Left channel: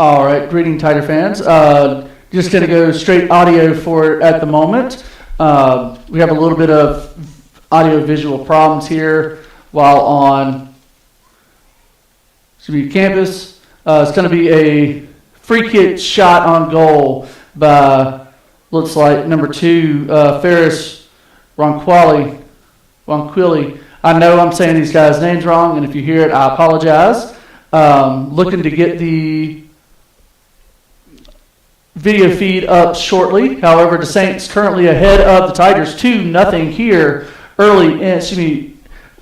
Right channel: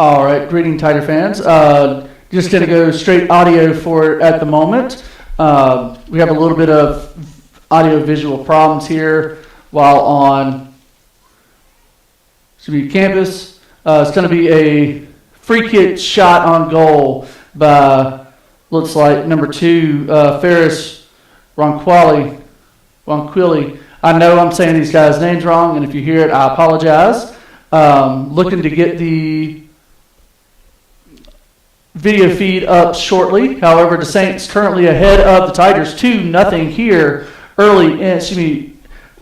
All right, greeting Tiger fans. Just going to go straight audio for it at the moment. We have a little bit of audio-visual problems here while on campus. It's going to be a free kick shot on goal by, looks like, number 2, Ferris Ronquilli. I know I'm saying these guys' names wrong, and if you hear it, I apologize. Looking to get the video feed up shortly. However, the Saints currently ahead of the Tigers 2-0 here early in,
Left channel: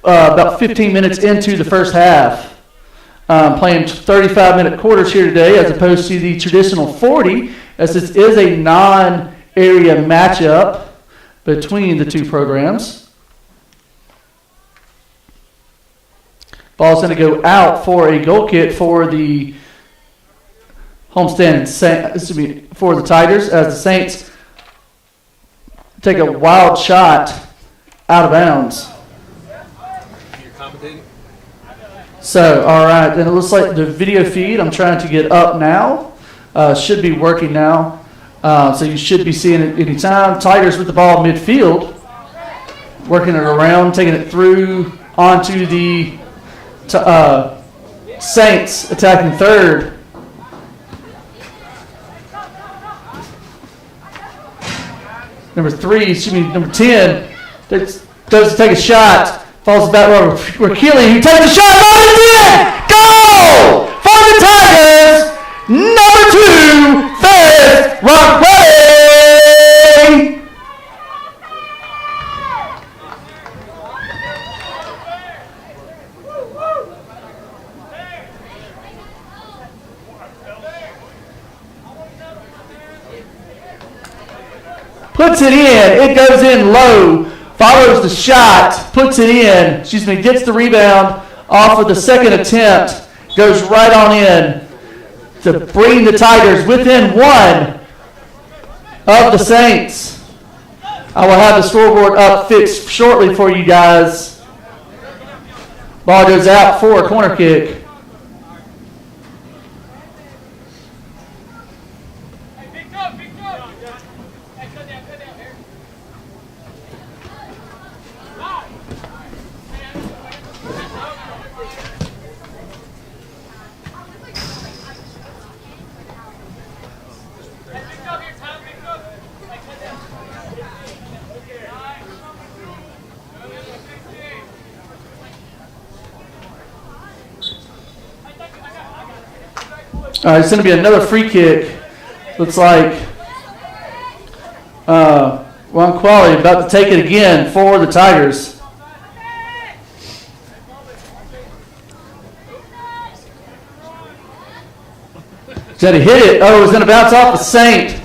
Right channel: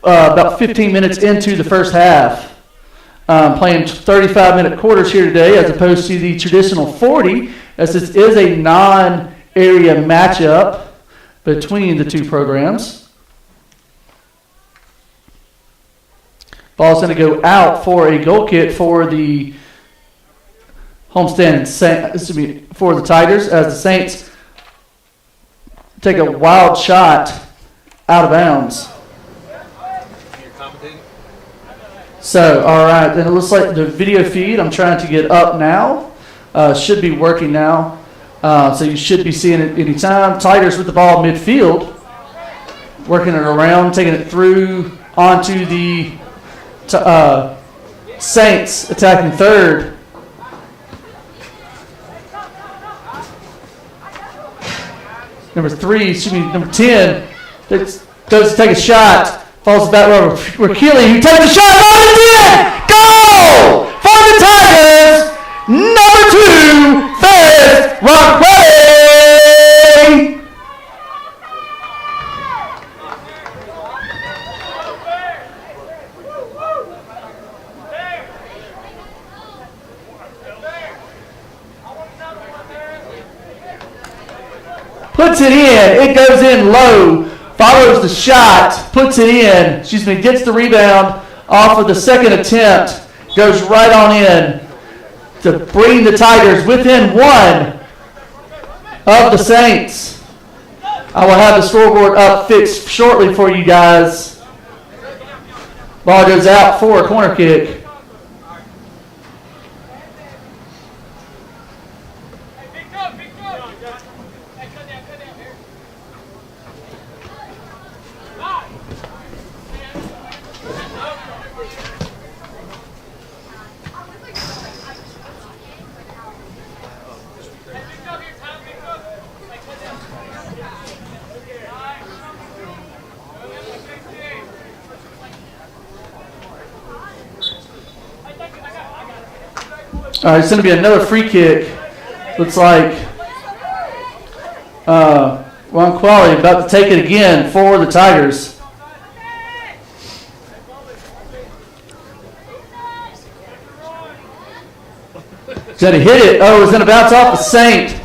about 15 minutes into the first half. Playing 35-minute quarters here today as opposed to the traditional 40, as this is a non-area matchup between the two programs. Ball's going to go out for a goal kick for the homestand, for the Tigers, as the Saints take a wild shot out of bounds. So, all right, and it looks like the video feed I'm trying to get up now should be working now. So you should be seeing it anytime. Tigers with the ball midfield, working it around, taking it through onto the Saints attacking third. Number 10 goes to take a shot, falls back row. Ronquilli, who takes a shot on the net! Goal for the Tigers! Number 2, Ferris Ronquilli! Puts it in. It goes in low. Follows the shot. Puts it in. Gets the rebound off of the second attempt. Goes right on in to bring the Tigers within 1 of the Saints. I will have the scoreboard up fixed shortly for you guys. Ball goes out for a corner kick. It's going to be another free kick. Looks like Ronquilli about to take it again for the Tigers. He's going to hit it. Oh, it's going to bounce off the Saint.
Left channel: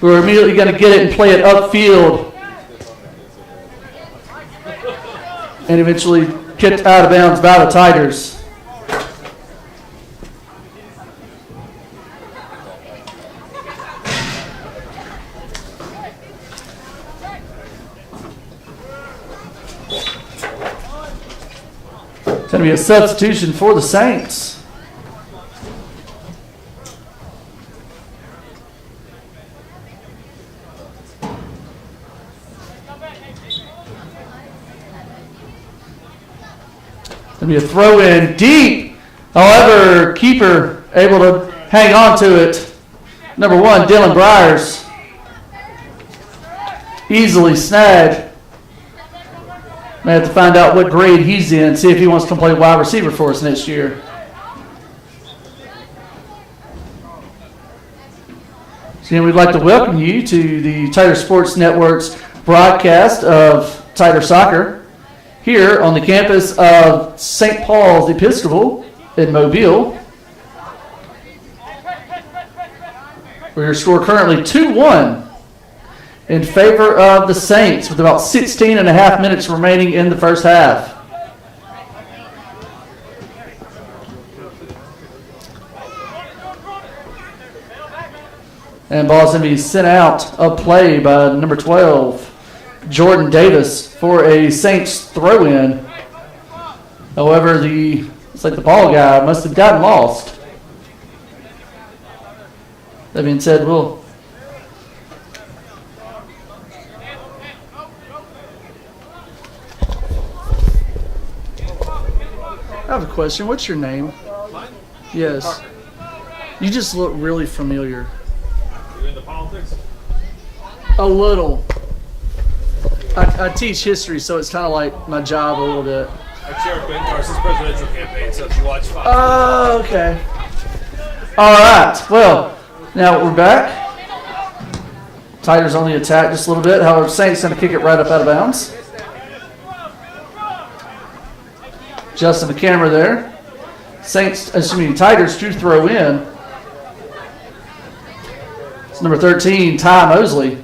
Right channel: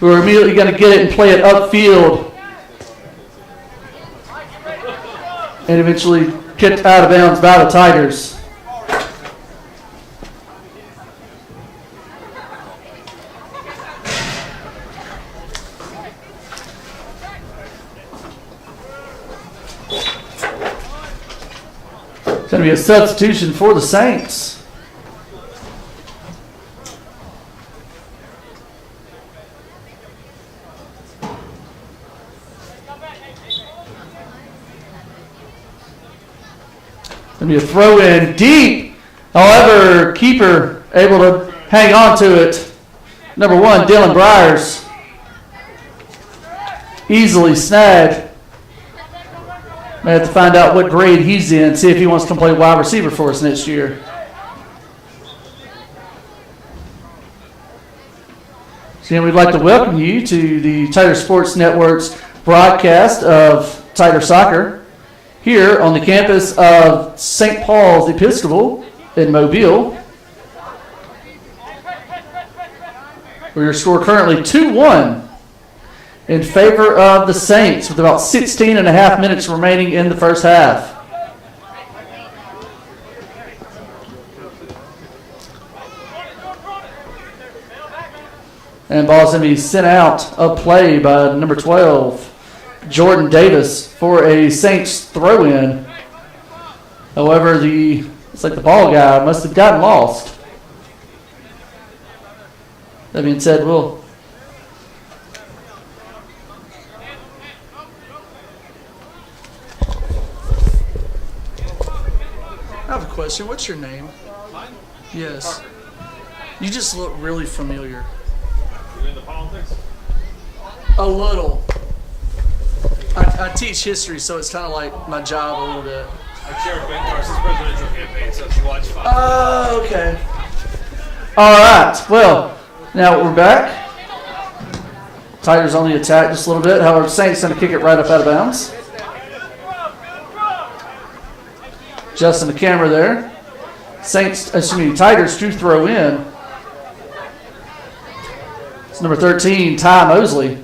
We're immediately going to get it and play it upfield. And eventually kicked out of bounds by the Tigers. It's going to be a substitution for the Saints. Going to be a throw in deep. However, keeper able to hang on to it. Number 1, Dylan Briers. Easily snagged. We have to find out what grade he's in, see if he wants to play wide receiver for us next year. So we'd like to welcome you to the Tiger Sports Network's broadcast of Tiger Soccer here on the campus of St. Paul's Episcopal in Mobile. Where your score currently 2-1 in favor of the Saints with about 16 and a half minutes remaining in the first half. And ball's going to be sent out of play by number 12, Jordan Davis, for a Saints throw-in. However, it's like the ball guy must have gotten lost. That being said, we'll I have a question. What's your name? Mine? Yes. Parker. You just look really familiar. You into politics? A little. I teach history, so it's kind of like my job a little bit. I chair Ben Carson's presidential campaign, so if you watch Fox. Oh, okay. All right. Well, now we're back. Tigers on the attack just a little bit. However, Saints going to kick it right up out of bounds. Adjusting the camera there. Tigers do throw in. It's number 13, Ty Mosley.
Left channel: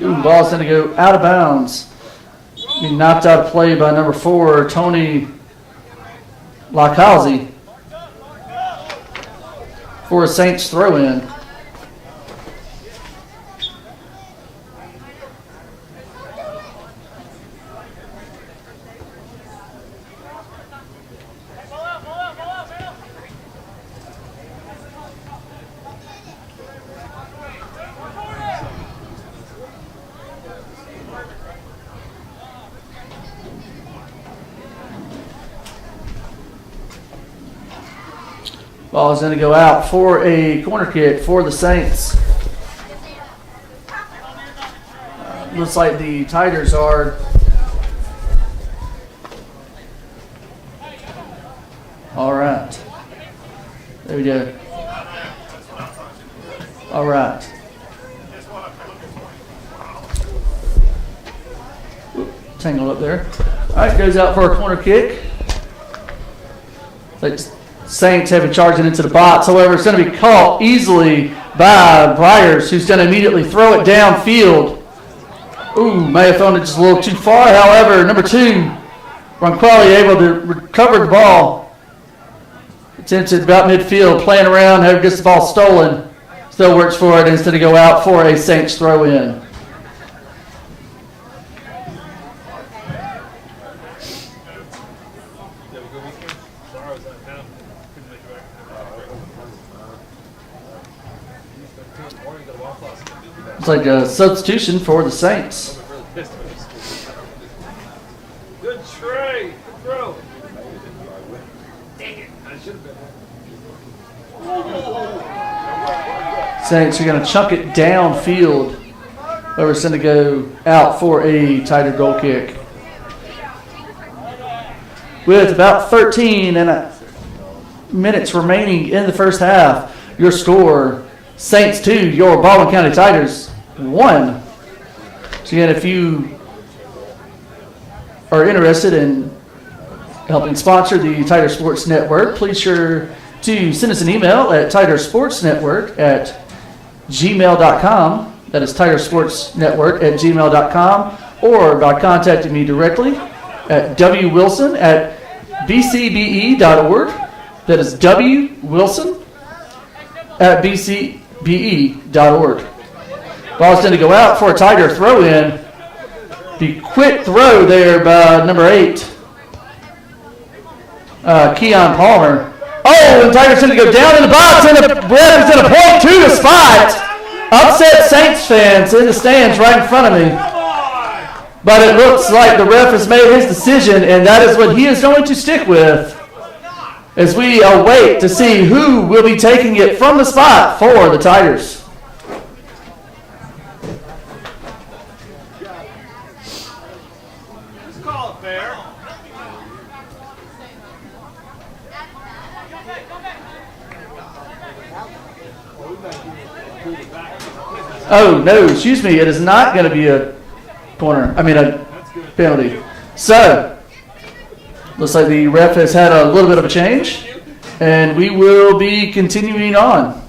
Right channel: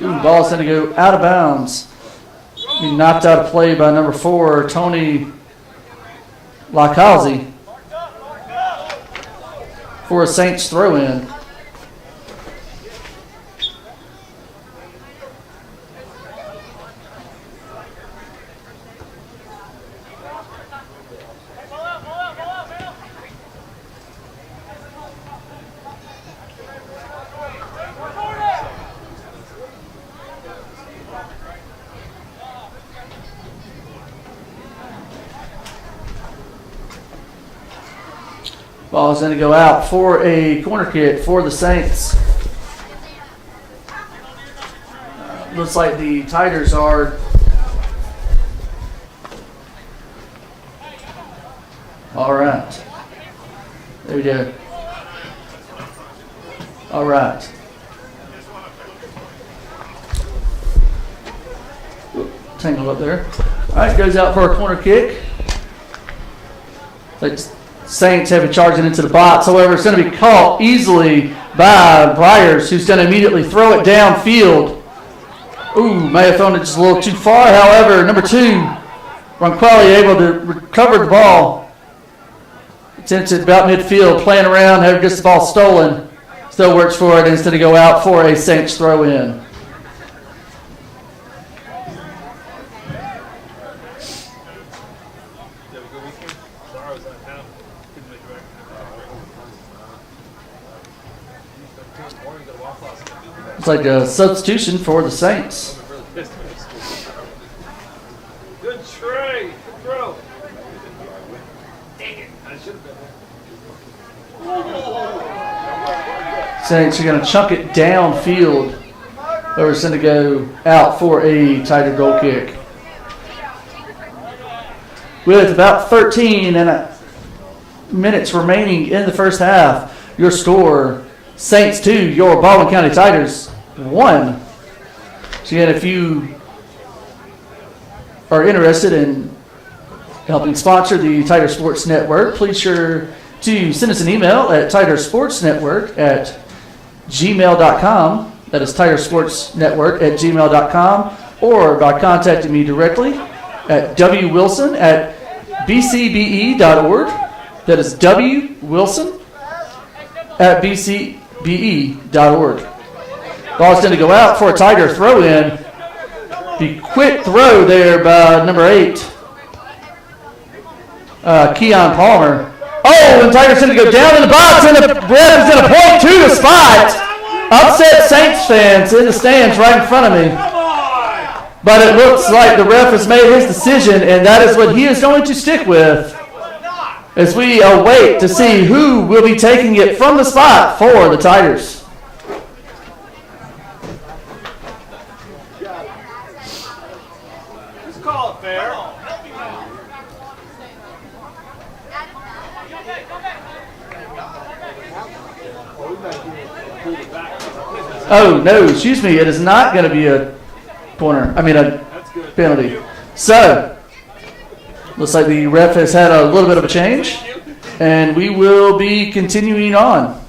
Ball's going to go out of bounds. He knocked out a play by number 4, Tony Lakazi, for a Saints throw-in. Ball is going to go out for a corner kick for the Saints. Looks like the Tigers are all right. There we go. All right. Tangle up there. All right, goes out for a corner kick. Saints have been charging into the box. However, it's going to be caught easily by Byers, who's going to immediately throw it downfield. Ooh, may have thrown it just a little too far. However, number 2, Ron Crawley, able to recover the ball. Attempted about midfield, playing around, gets the ball stolen. Still works for it instead of go out for a Saints throw in. It's like a substitution for the Saints. Good try. Good throw. Dang it. I should have been there. Saints are going to chunk it downfield. Or it's going to go out for a tighter goal kick. With about 13 minutes remaining in the first half, your score, Saints 2, your Baldwin County Tigers 1. So again, if you are interested in helping sponsor the Tiger Sports Network, please sure to send us an email at tigersportsnetwork@gmail.com. That is tigersportsnetwork@gmail.com, or by contacting me directly at wwilson@bcbe.org. That is wwilson@bcbe.org. Ball's going to go out for a Tiger throw-in. The quick throw there by number 8, Keon Palmer. Oh, and Tigers going to go down in the box, and the ref is going to point to the spot. Upset Saints fans in the stands right in front of me. But it looks like the ref has made his decision, and that is what he is going to stick with as we await to see who will be taking it from the spot for the Tigers. Just call it fair. Oh, no, excuse me. It is not going to be a corner. I mean, a penalty. So, looks like the ref has had a little bit of a change, and we will be continuing on.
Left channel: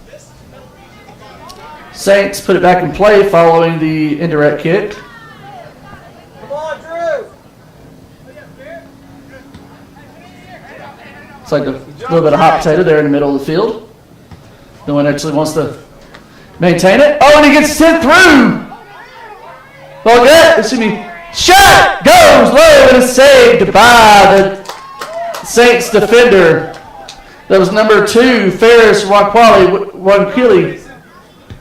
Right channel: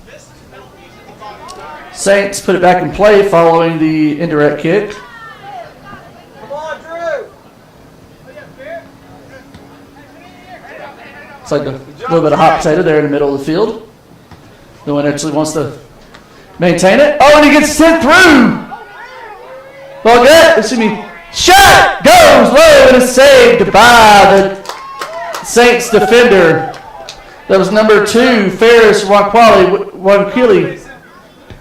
Saints put it back in play following the indirect kick. Come on, Drew. It's like a little bit of hot potato there in the middle of the field. No one actually wants to maintain it. Oh, and he gets sent through. Ball get, excuse me. Shot goes low and is saved by the Saints defender. That was number 2, Ferris Wankili.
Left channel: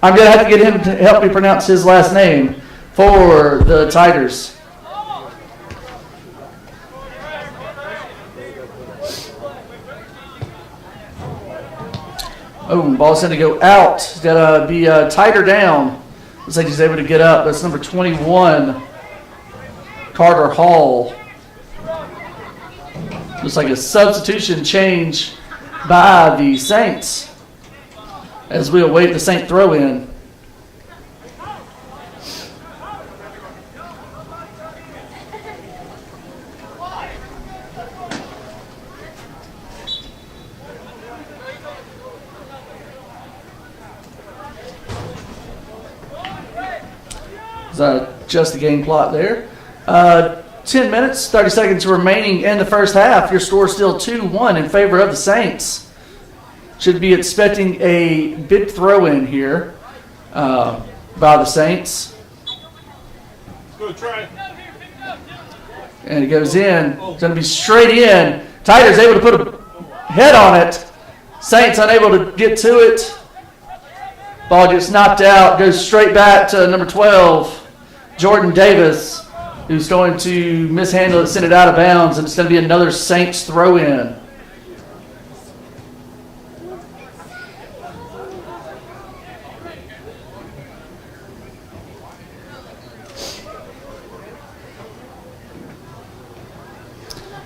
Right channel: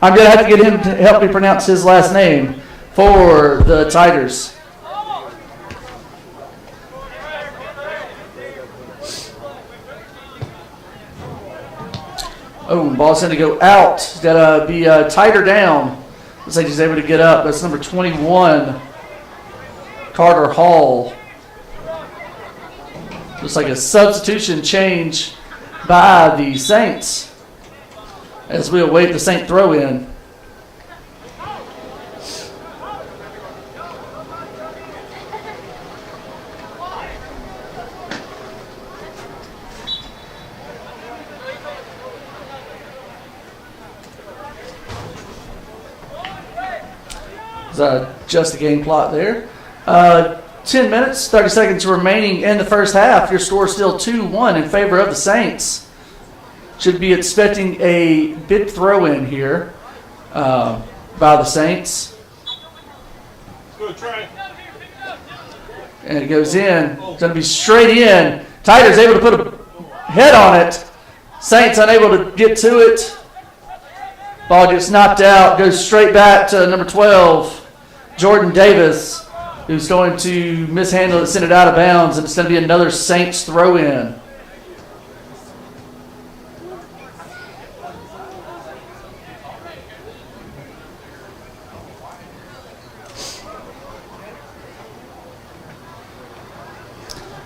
I'm going to have to get him to help me pronounce his last name for the Tigers. Oh, ball's going to go out. It's going to be tighter down. Looks like he's able to get up. That's number 21, Carter Hall. Looks like a substitution change by the Saints as we await the Saint throw-in. Just the game plot there. 10 minutes, 30 seconds remaining in the first half. Your score is still 2-1 in favor of the Saints. Should be expecting a big throw-in here by the Saints. Good try. And it goes in. It's going to be straight in. Tigers able to put a head on it. Saints unable to get to it. Ball gets knocked out. Goes straight back to number 12, Jordan Davis, who's going to mishandle it, send it out of bounds. It's going to be another Saints throw-in.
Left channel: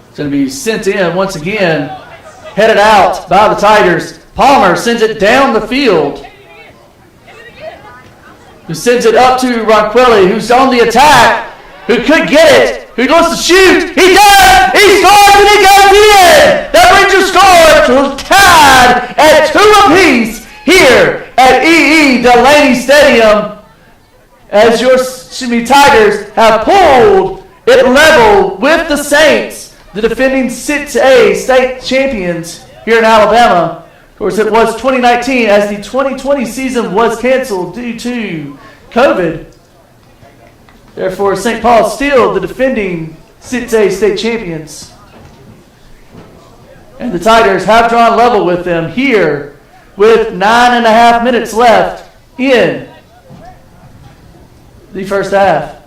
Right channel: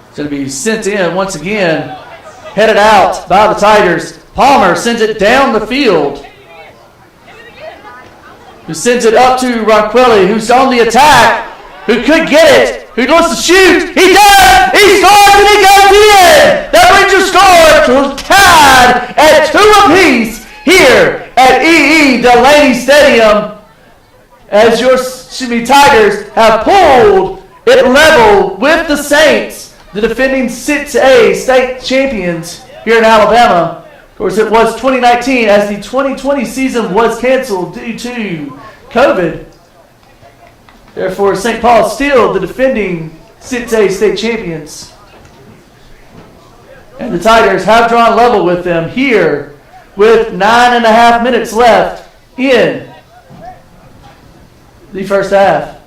It's going to be sent in once again. Headed out by the Tigers. Palmer sends it down the field. Who sends it up to Ronquilli, who's on the attack, who could get it, who wants to shoot. He does! He scores and he goes in! That brings your score to tied at 2 apiece here at E.E. Delaney Stadium as your Tigers have pulled it level with the Saints, the defending 6A state champions here in Alabama. Of course, it was 2019 as the 2020 season was canceled due to COVID. Therefore, St. Paul is still the defending 6A state champions. And the Tigers have drawn level with them here with 9.5 minutes left in the first half.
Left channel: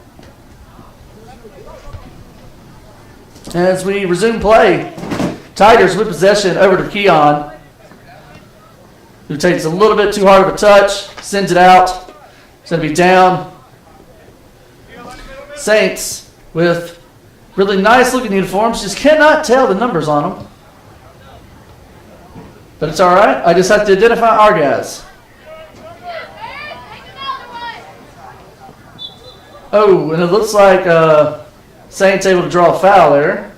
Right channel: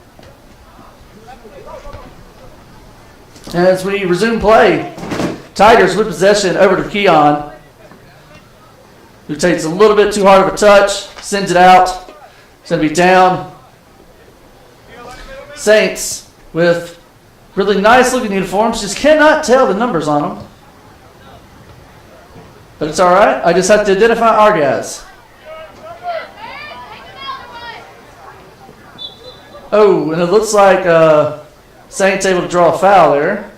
As we resume play, Tigers with possession over to Keon, who takes a little bit too hard of a touch, sends it out. It's going to be down. Saints with really nice looking uniforms, just cannot tell the numbers on them. But it's all right. I just have to identify our guys. Oh, and it looks like Saints able to draw a foul there.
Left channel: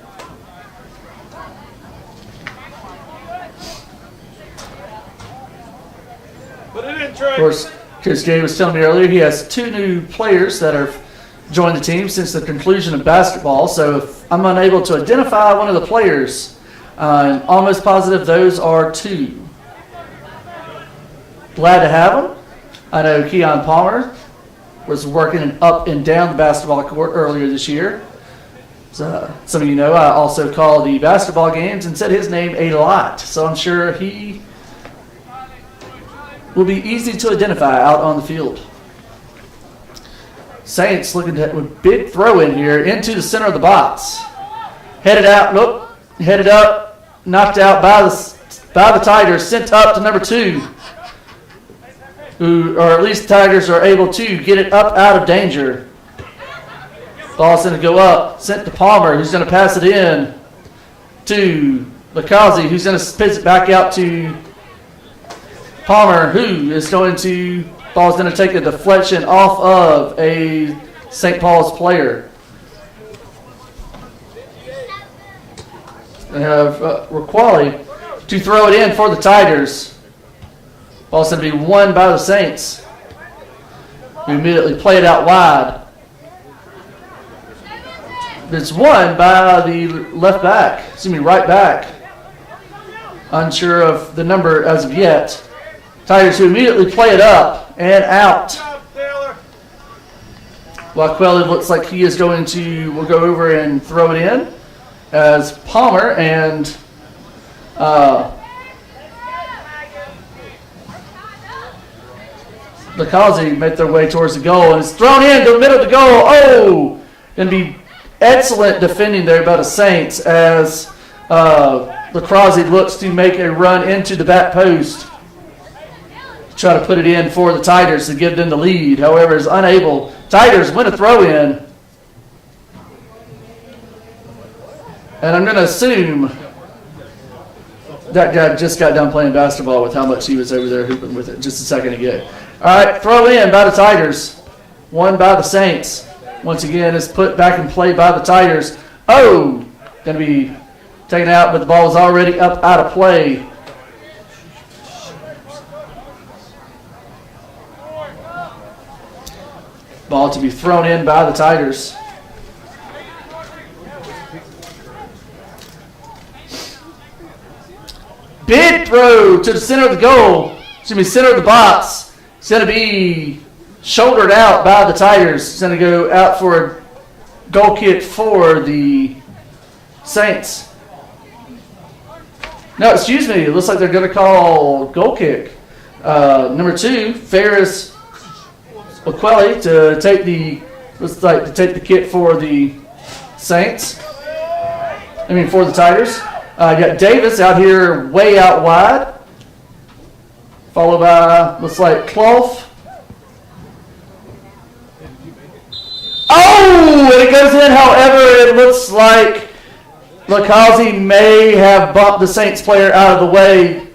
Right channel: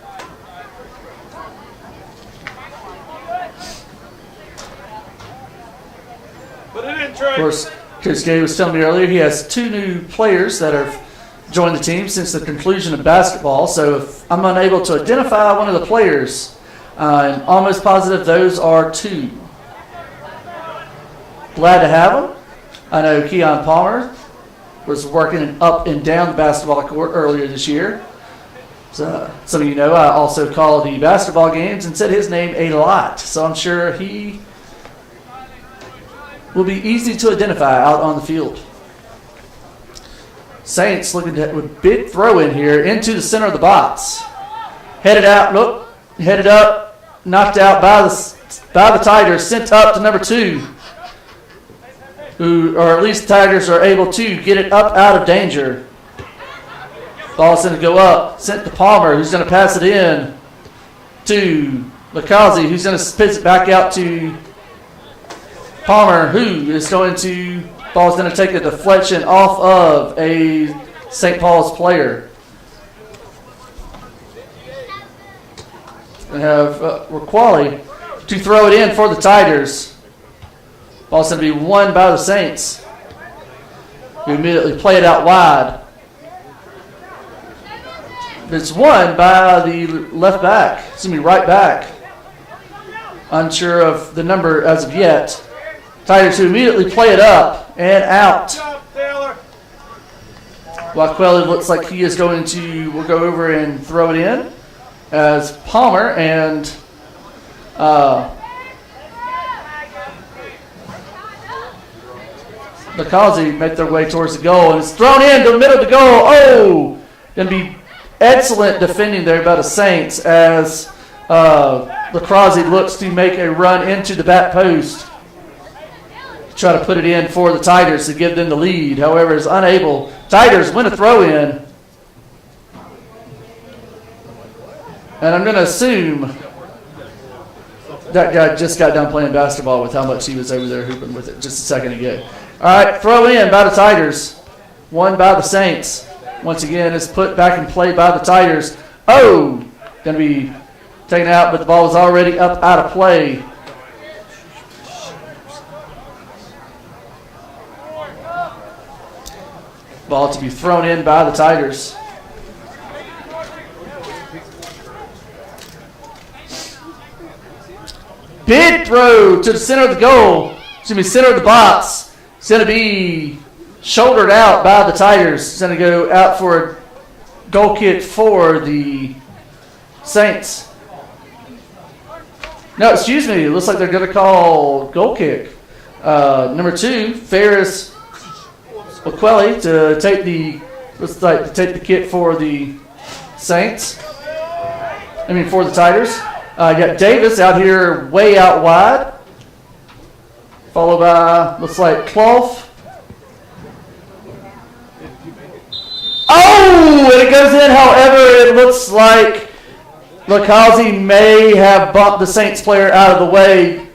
Of course, Chris Gay was telling me earlier he has 2 new players that have joined the team since the conclusion of basketball. So if I'm unable to identify one of the players, I'm almost positive those are 2. Glad to have them. I know Keon Palmer was working up and down the basketball court earlier this year. So some of you know I also call the basketball games and said his name a lot. So I'm sure he will be easy to identify out on the field. Saints looking at a big throw in here into the center of the box. Headed out, nope, headed up, knocked out by the Tigers, sent up to number 2. Or at least the Tigers are able to get it up out of danger. Ball's going to go up, sent to Palmer, who's going to pass it in to Lakazi, who's going to spit it back out to Palmer, who is going to, ball's going to take a deflection off of a St. Paul's player. We have Raquali to throw it in for the Tigers. Ball's going to be won by the Saints, who immediately play it out wide. It's won by the left back, right back. Unsure of the number as of yet. Tigers who immediately play it up and out. While Quelly looks like he is going to, will go over and throw it in as Palmer and Lakazi make their way towards the goal, and it's thrown into the middle of the goal. Oh! Going to be excellent defending there by the Saints as Lakazi looks to make a run into the back post. Try to put it in for the Tigers to give them the lead. However, is unable. Tigers win a throw in. And I'm going to assume that guy just got done playing basketball with how much he was over there hooping with it just a second ago. All right, throw in by the Tigers. Won by the Saints. Once again, it's put back in play by the Tigers. Oh, going to be taken out, but the ball is already up out of play. Ball to be thrown in by the Tigers. Big throw to the center of the goal. It's going to be center of the box. It's going to be shouldered out by the Tigers. It's going to go out for a goal kick for the Saints. No, excuse me. It looks like they're going to call goal kick. Number 2, Ferris O'Quelly to take the kick for the Saints. For the Tigers. Got Davis out here way out wide. Followed by, looks like Clough. Oh, it goes in. However, it looks like Lakazi may have bumped the Saints player out of the way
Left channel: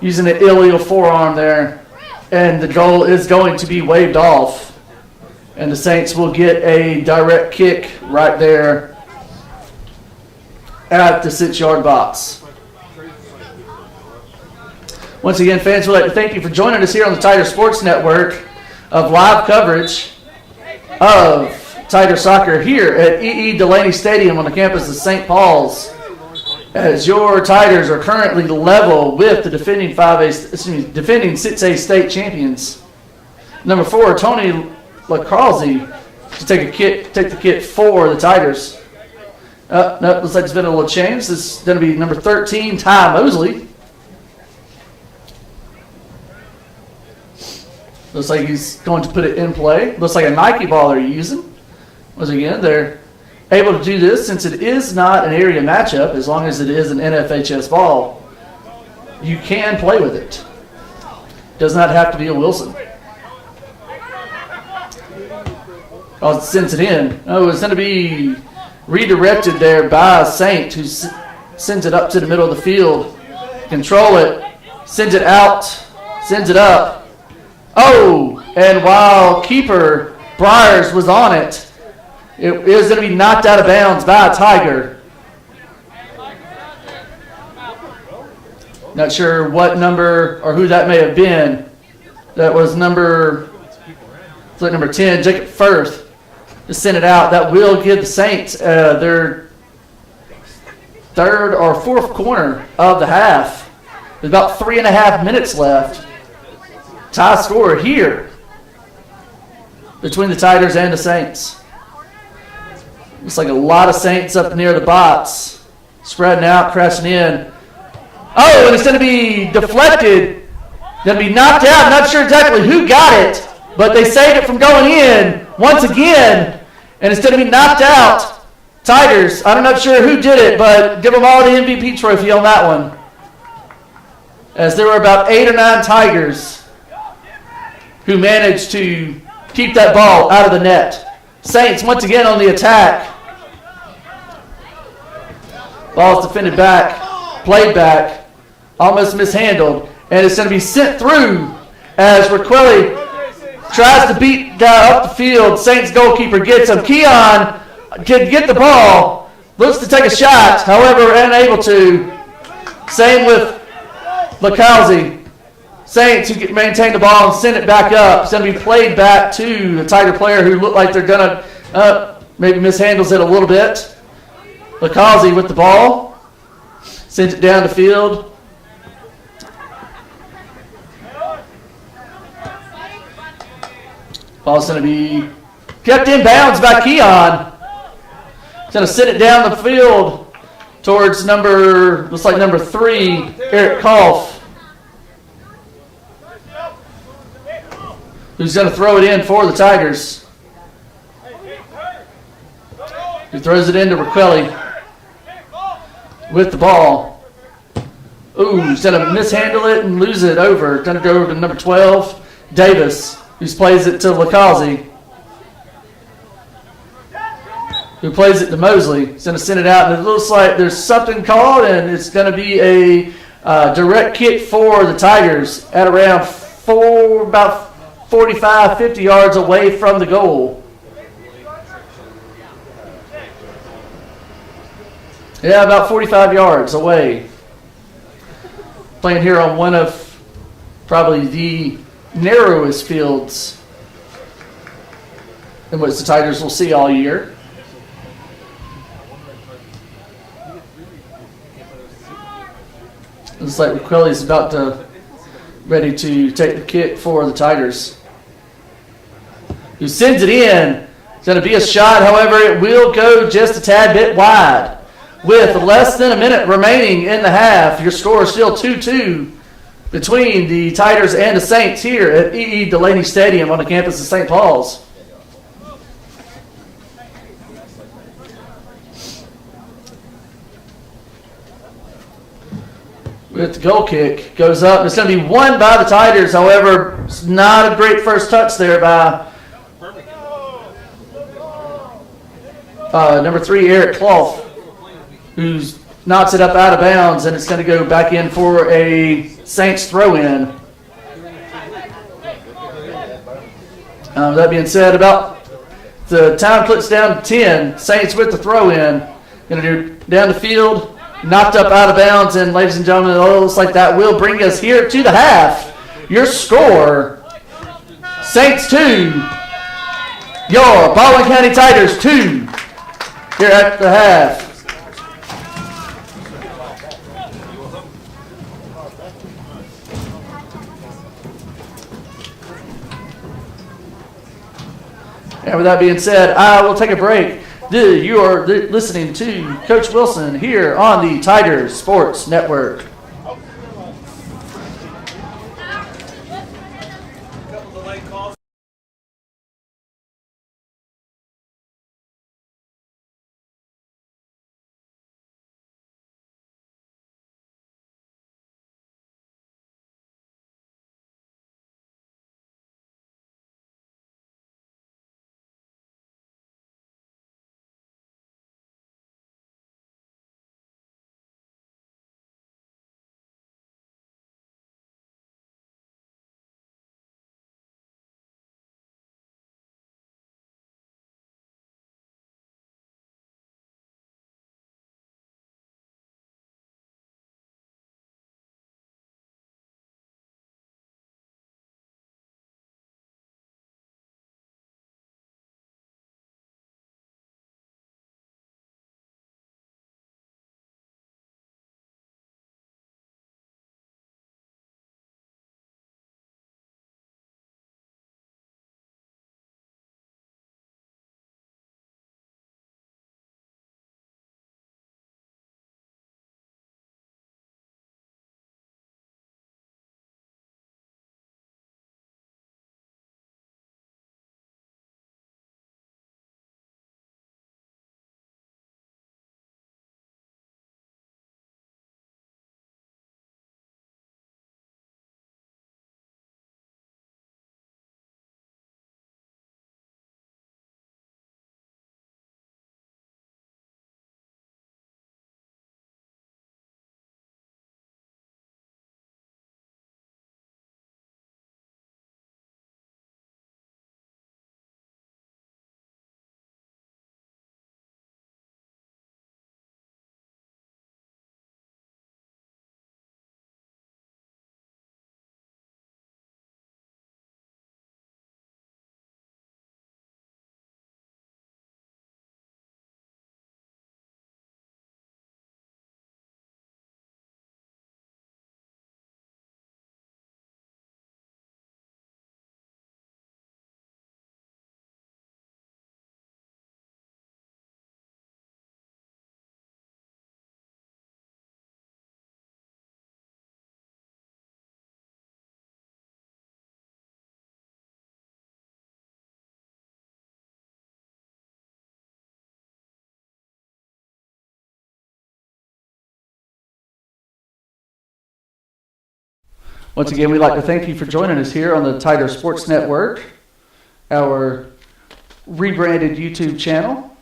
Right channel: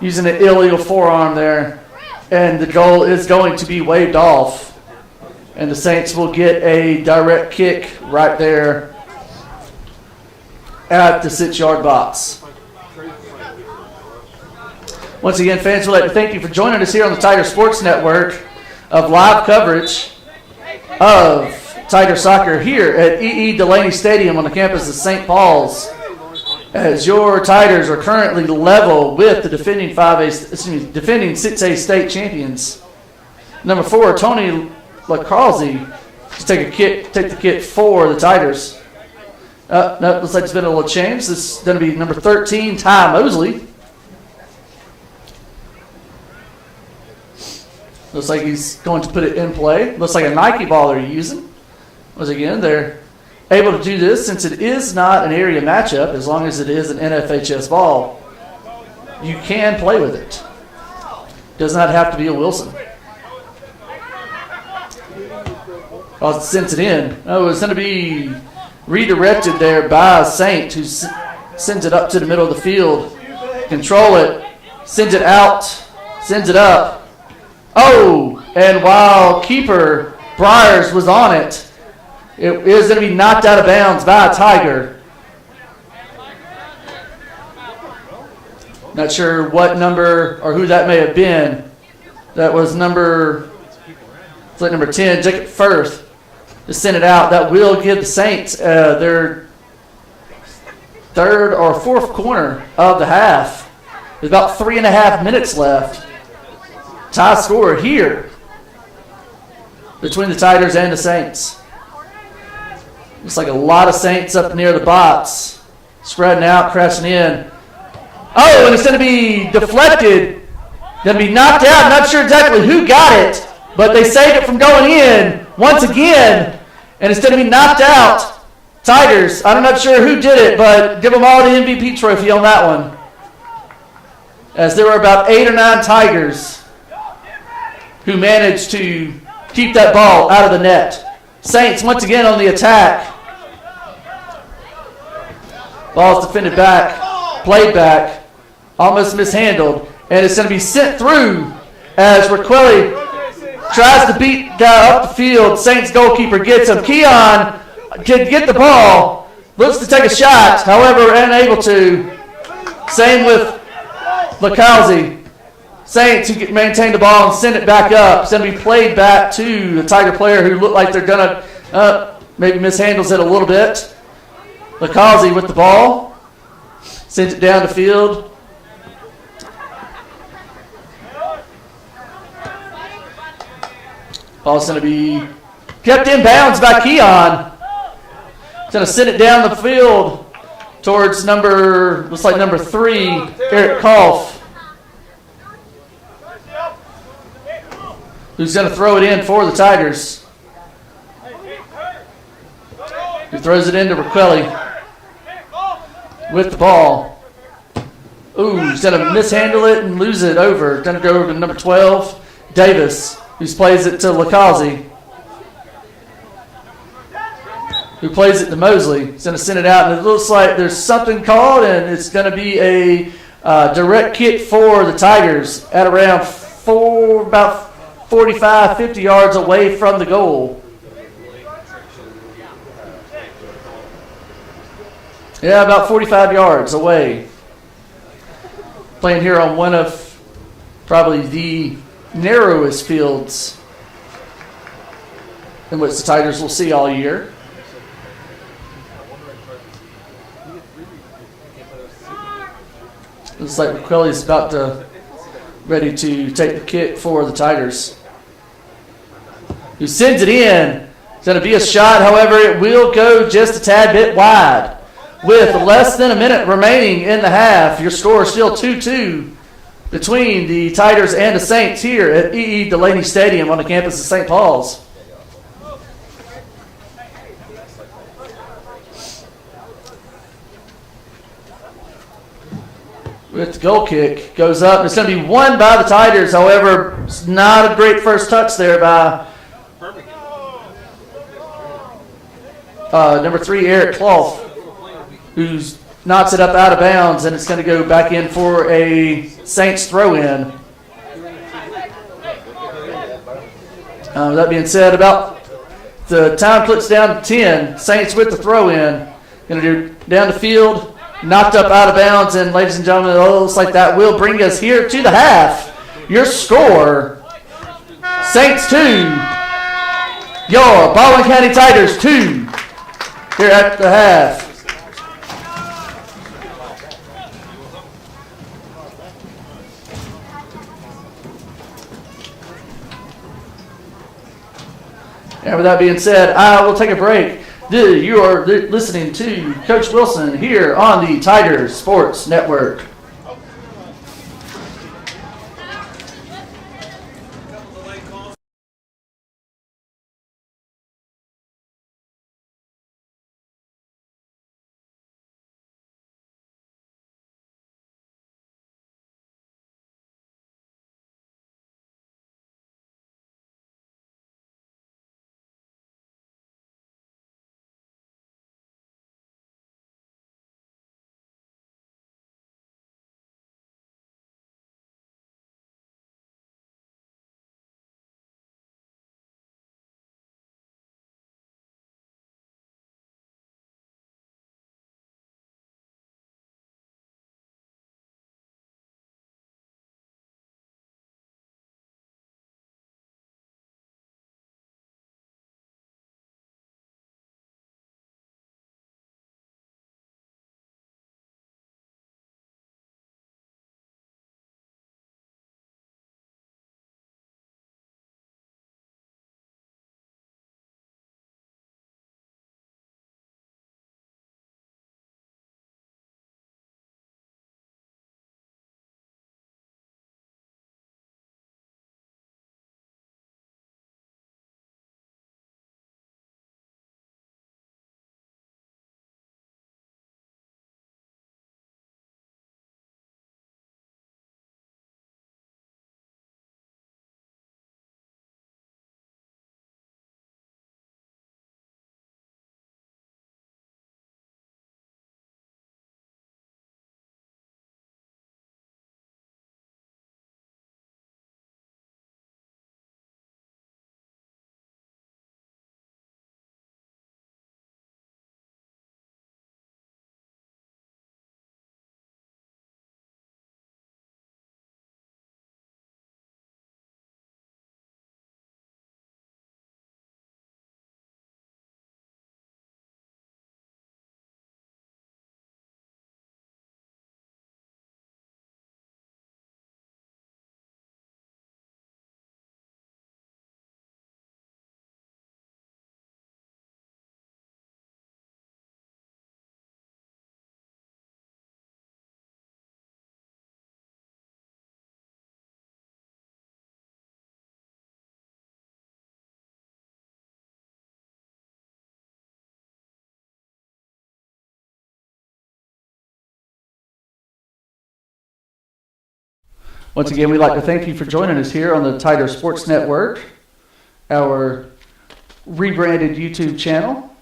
using an illegal forearm there. And the goal is going to be waved off. And the Saints will get a direct kick right there at the 6-yard box. Once again, fans, we'd like to thank you for joining us here on the Tiger Sports Network of live coverage of Tiger Soccer here at E.E. Delaney Stadium on the campus of St. Paul's. As your Tigers are currently level with the defending 6A state champions. Number 4, Tony Lakazi to take the kick for the Tigers. No, looks like it's been a little change. This is going to be number 13, Ty Mosley. Looks like he's going to put it in play. Looks like a Nike ball they're using. Once again, they're able to do this since it is not an area matchup. As long as it is an NFHS ball, you can play with it. Does not have to be a Wilson. Well, it sends it in. Oh, it's going to be redirected there by Saint, who sends it up to the middle of the field. Control it. Sends it out. Sends it up. Oh, and while keeper Briars was on it, it is going to be knocked out of bounds by a Tiger. Not sure what number or who that may have been. That was number 10, Jacob Firth, to send it out. That will give the Saints their third or fourth corner of the half. There's about 3.5 minutes left. Tie score here between the Tigers and the Saints. Looks like a lot of Saints up near the box. Spreading out, crashing in. Oh, and it's going to be deflected. Going to be knocked out. Not sure exactly who got it, but they saved it from going in once again. And it's going to be knocked out. Tigers, I'm not sure who did it, but give them all the MVP trophy on that one. As there were about 8 or 9 Tigers who managed to keep that ball out of the net. Saints once again on the attack. Ball's defended back, played back, almost mishandled, and it's going to be sent through as Raquelli tries to beat guy up the field. Saints goalkeeper gets him. Keon can get the ball, looks to take a shot, however unable to. Same with Lakazi. Saints who can maintain the ball and send it back up. It's going to be played back to the Tiger player who look like they're going to maybe mishandles it a little bit. Lakazi with the ball. Sends it down the field. Ball's going to be Kept in bounds by Keon. He's going to send it down the field towards looks like number 3, Eric Koff, who's going to throw it in for the Tigers. Who throws it into Raquelli with the ball. Ooh, he's going to mishandle it and lose it over. Going to go over to number 12, Davis, who plays it to Lakazi, who plays it to Mosley. He's going to send it out, and it looks like there's something called, and it's going to be a direct kick for the Tigers at around about 45, 50 yards away from the goal. Yeah, about 45 yards away. Playing here on one of probably the narrowest fields in which the Tigers will see all year. Looks like McQuilly is ready to take the kick for the Tigers. Who sends it in. It's going to be a shot, however, it will go just a tad bit wide. With less than a minute remaining in the half, your score is still 2-2 between the Tigers and the Saints here at E.E. Delaney Stadium on the campus of St. Paul's. With the goal kick, goes up. It's going to be won by the Tigers, however, it's not a great first touch there by number 3, Eric Clough, who knocks it up out of bounds, and it's going to go back in for a Saints throw-in. That being said, about the time clicks down to 10. Saints with the throw-in. Going to do down the field, knocked up out of bounds, and ladies and gentlemen, it looks like that will bring us here to the half. Your score, Saints 2, your Baldwin County Tigers 2 here at the half. And with that being said, I will take a break. You are listening to Coach Wilson here on the Tigers Sports Network. Once again, we'd like to thank you for joining us here on the Tiger Sports Network, our rebranded YouTube channel,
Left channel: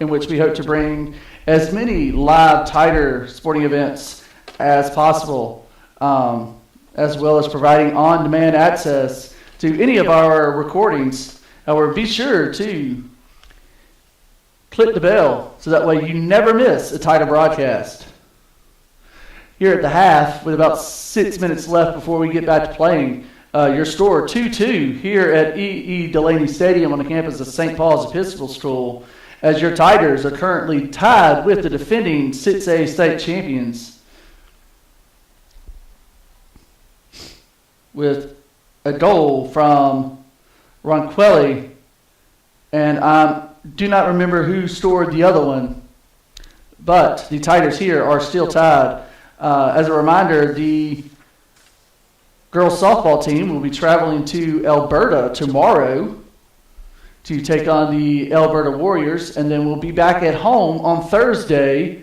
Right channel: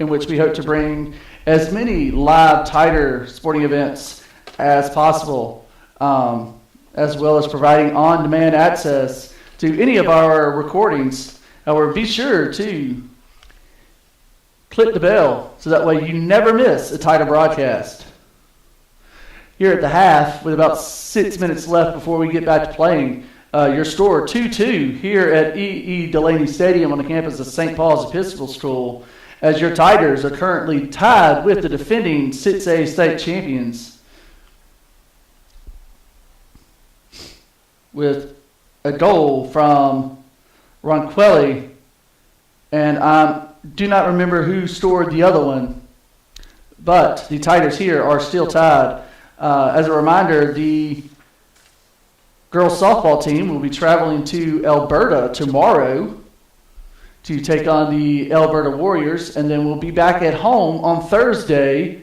in which we hope to bring as many live Tiger sporting events as possible, as well as providing on-demand access to any of our recordings. However, be sure to click the bell so that way you never miss a Tiger broadcast. Here at the half, with about 6 minutes left before we get back to playing, your score 2-2 here at E.E. Delaney Stadium on the campus of St. Paul's Episcopal School, as your Tigers are currently tied with the defending 6A state champions with a goal from Ronquilli, and I do not remember who scored the other one, but the Tigers here are still tied. As a reminder, the girls softball team will be traveling to Alberta tomorrow to take on the Alberta Warriors, and then we'll be back at home on Thursday.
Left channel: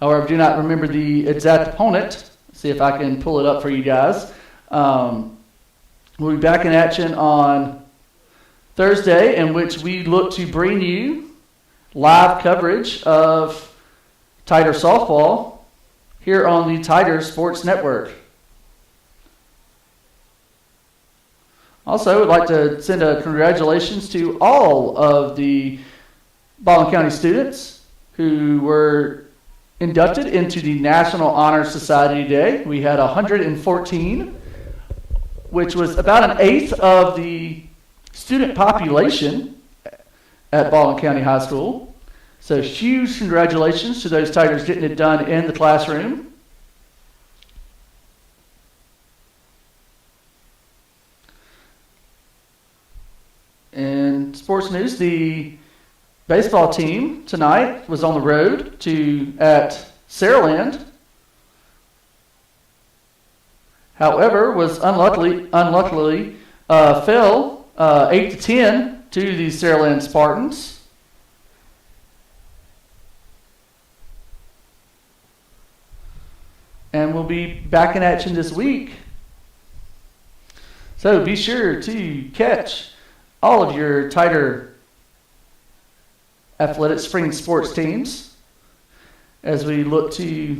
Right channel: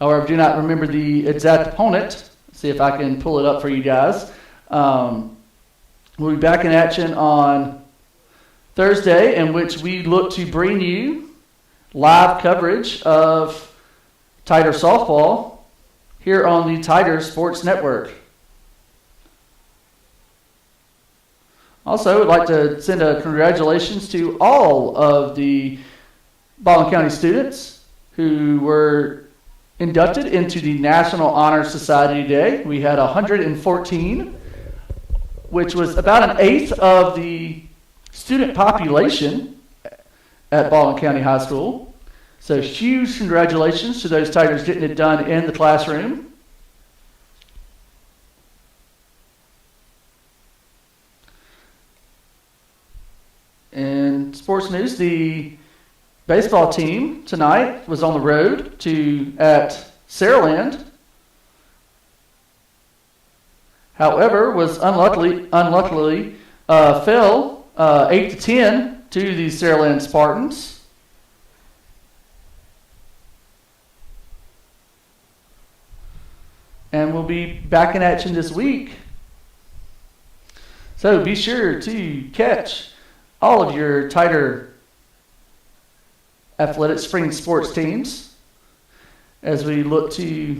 However, I do not remember the exact opponent. Let's see if I can pull it up for you guys. We'll be back in action on Thursday, in which we look to bring you live coverage of Tiger softball here on the Tiger Sports Network. Also, we'd like to send a congratulations to all of the Baldwin County students who were inducted into the National Honor Society today. We had 114, which was about an eighth of the student population at Baldwin County High School. So huge congratulations to those Tigers getting it done in the classroom. And sports news, the baseball team tonight was on the road at Saraland. However, was unluckily fell 8-10 to the Saraland Spartans. And we'll be back in action this week. So be sure to catch all of your Tiger athletic spring sports teams as we look to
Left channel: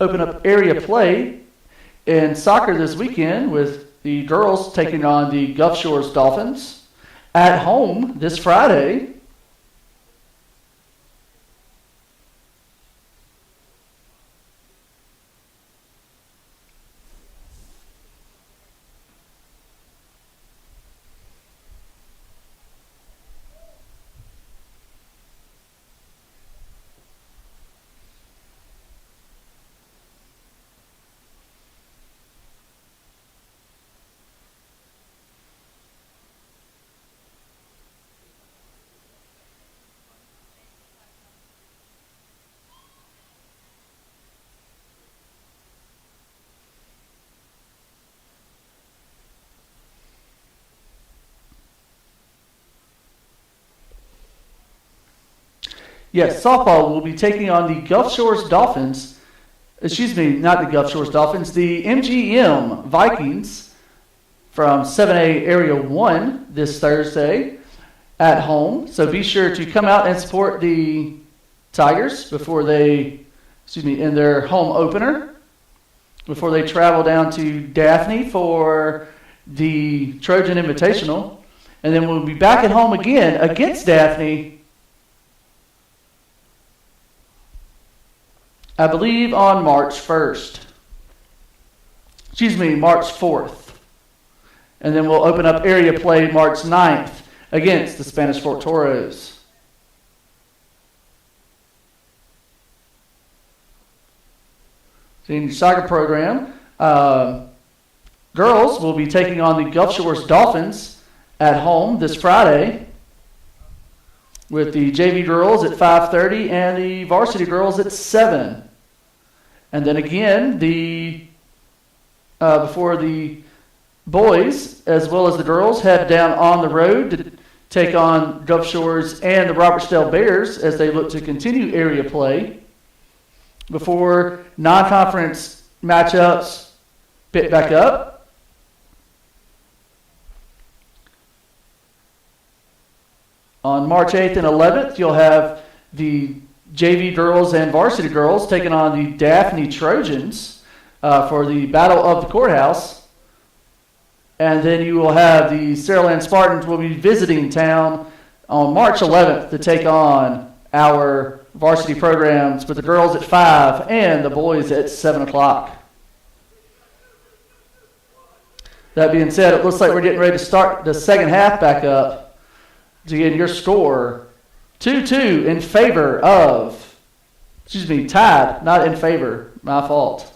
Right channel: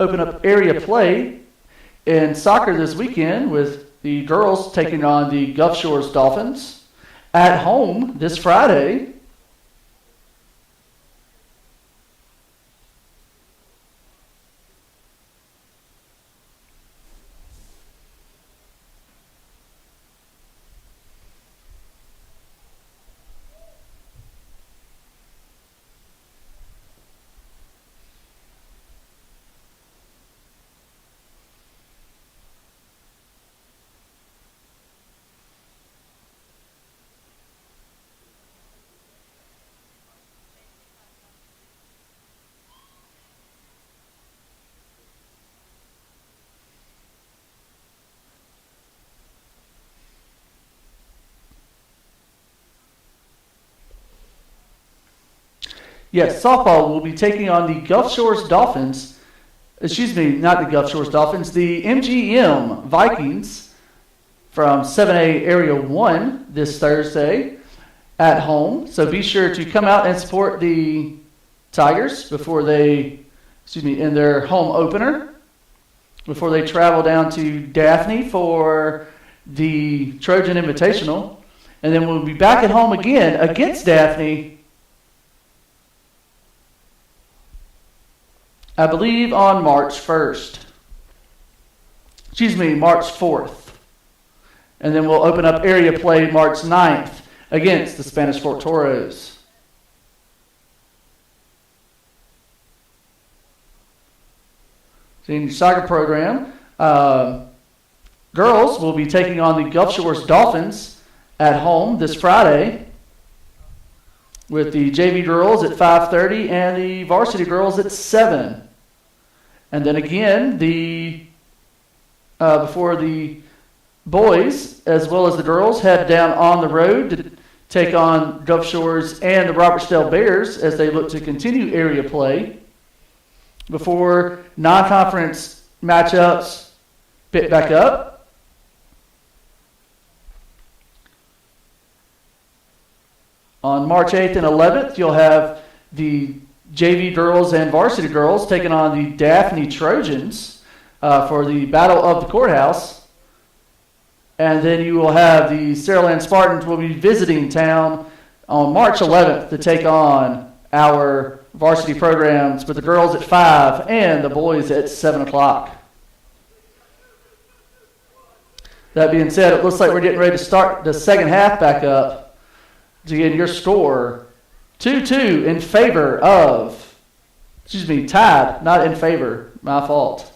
open up area play in soccer this weekend, with the girls taking on the Gulf Shores Dolphins at home this Friday. Yes, softball will be taking on the Gulf Shores Dolphins. Excuse me, not the Gulf Shores Dolphins, the MGM Vikings from 7A Area 1 this Thursday at home. So be sure to come out and support the Tigers in their home opener, before they travel down to Daphne for the Trojan Invitational. And then we'll be back at home again against Daphne, I believe on March 4th. And then we'll open up area play March 9th against the Spanish Fort Toros. So in your soccer program, girls will be taking on the Gulf Shores Dolphins at home this Friday, with the JV girls at 5:30 and the varsity girls at 7. And then again, before the boys as well as the girls head down on the road to take on Gulf Shores and the Robertsdale Bears as they look to continue area play. before non-conference matchups pick back up. On March 8th and 11th, you'll have the JV girls and varsity girls taking on the Daphne Trojans for the Battle of the Courthouse. And then you will have the Saraland Spartans will be visiting town on March 11th to take on our varsity programs with the girls at 5 and the boys at 7 o'clock. That being said, it looks like we're getting ready to start the second half back up. To get your score 2-2 in favor of, tied, not in favor, my fault.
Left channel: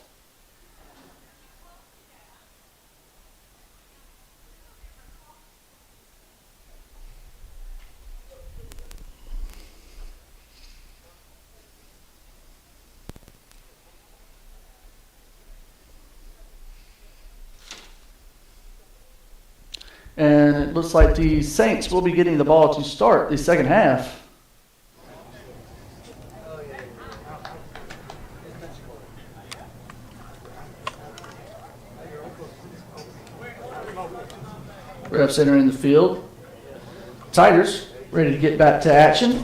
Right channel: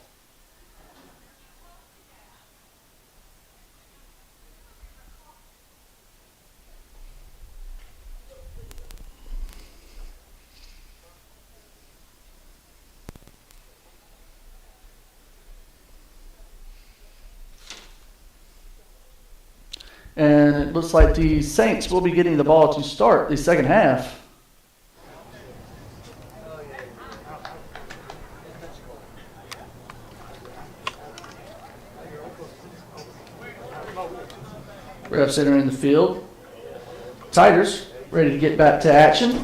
And it looks like the Saints will be getting the ball to start the second half. Reps entering the field. Tigers ready to get back to action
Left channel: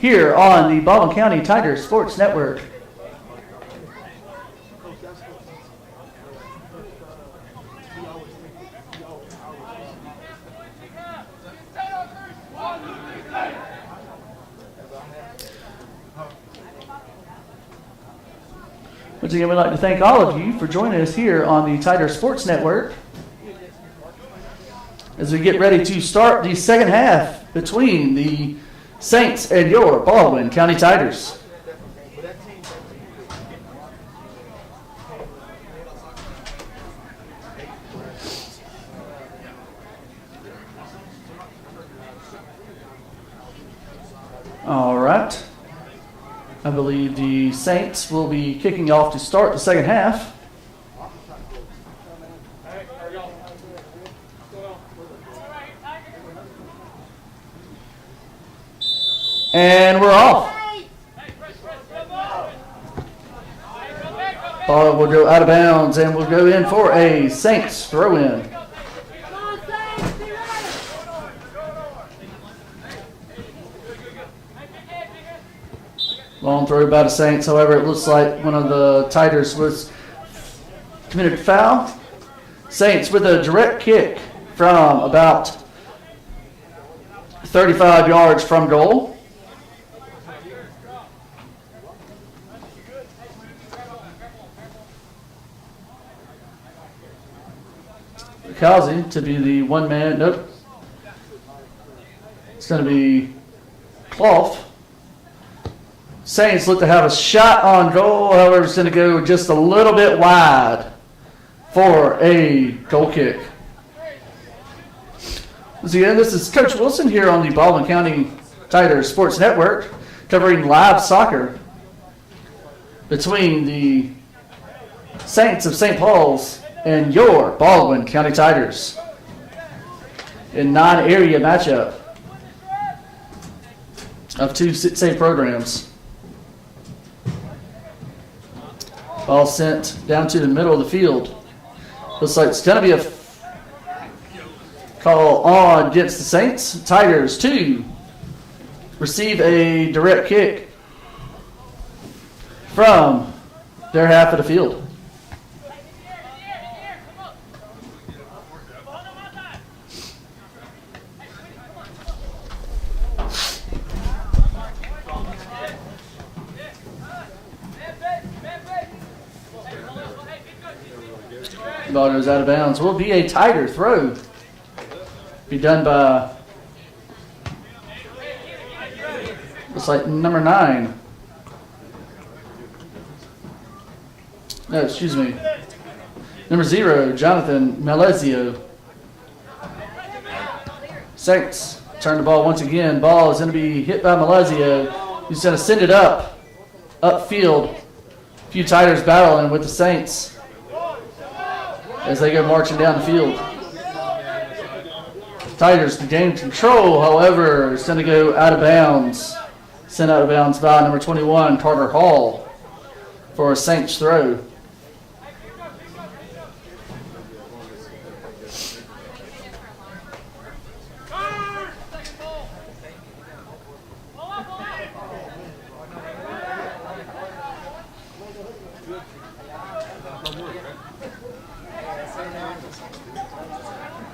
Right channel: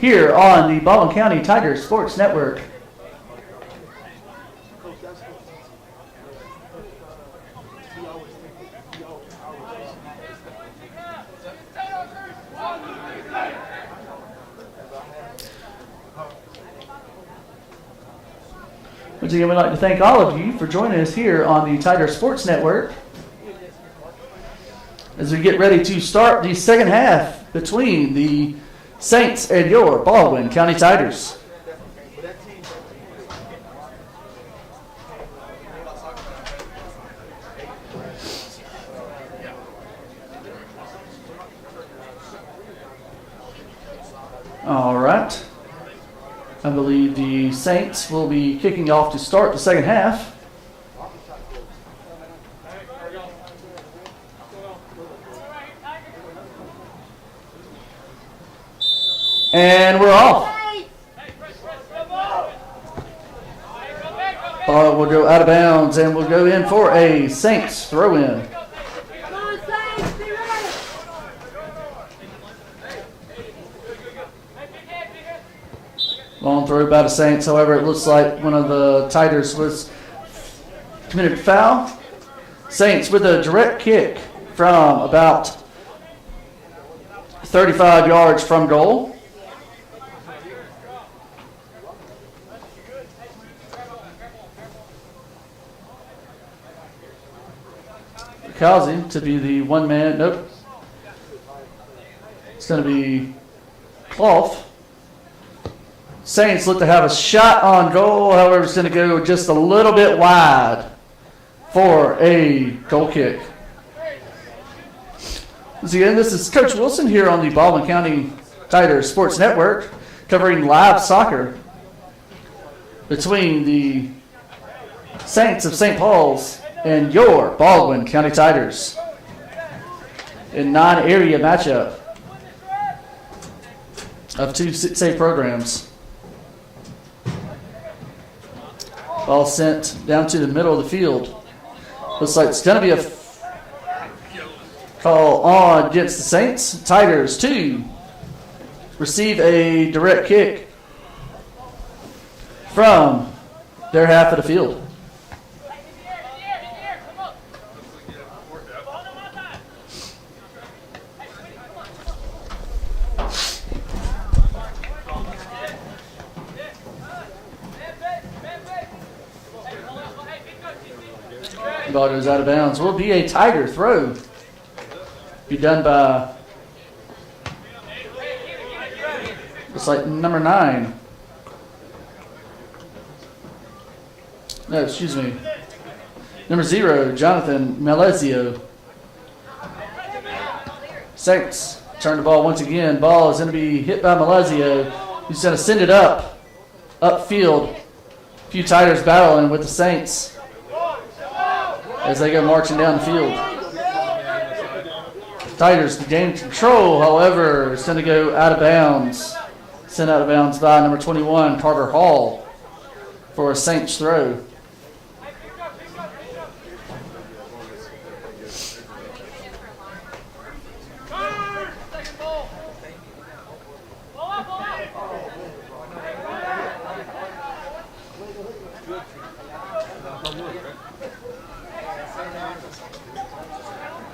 here on the Baldwin County Tigers Sports Network. Once again, we'd like to thank all of you for joining us here on the Tiger Sports Network as we get ready to start the second half between the Saints and your Baldwin County Tigers. All right. I believe the Saints will be kicking off to start the second half. And we're off. Ball will go out of bounds and will go in for a Saints throw-in. Long throw by the Saints. However, it looks like one of the Tigers was committed a foul. Saints with a direct kick from about 35 yards from goal. Kazi to be the one man. Nope. It's going to be Clough. Saints look to have a shot on goal. However, it's going to go just a little bit wide for a goal kick. Once again, this is Coach Wilson here on the Baldwin County Tigers Sports Network, covering live soccer between the Saints of St. Paul's and your Baldwin County Tigers in non-area matchup of two 6A programs. Ball sent down to the middle of the field. Looks like it's going to be a call on against the Saints. Tigers to receive a direct kick from their half of the field. Ball goes out of bounds. Will be a Tiger throw. Be done by, looks like number 9. No, excuse me. Number 0, Jonathan Malezio. Saints turn the ball once again. Ball is going to be hit by Malezio, who's going to send it upfield. A few Tigers battling with the Saints as they go marching down the field. Tigers can gain control, however, it's going to go out of bounds. Sent out of bounds by number 21, Carter Hall. for a Saints throw.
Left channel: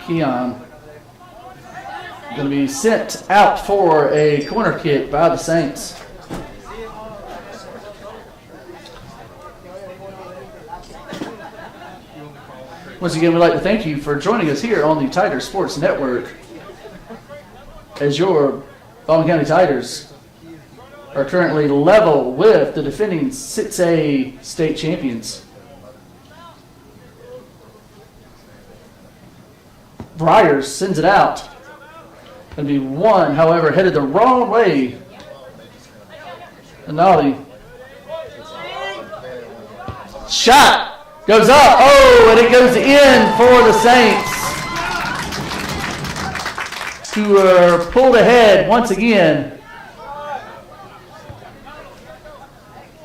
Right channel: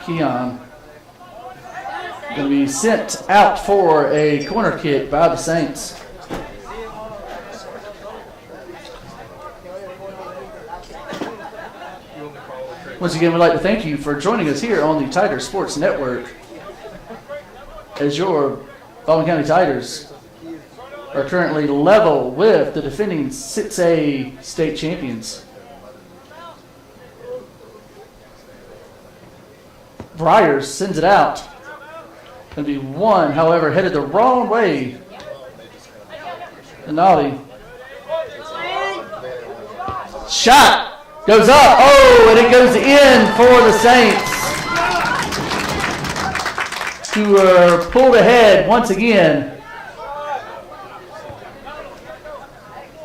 Keon going to be sent out for a corner kick by the Saints. Once again, we'd like to thank you for joining us here on the Tiger Sports Network as your Baldwin County Tigers are currently level with the defending 6A state champions. Briars sends it out. Going to be one, however, headed the wrong way. Denali. Shot goes up. Oh, and it goes in for the Saints, who are pulled ahead once again.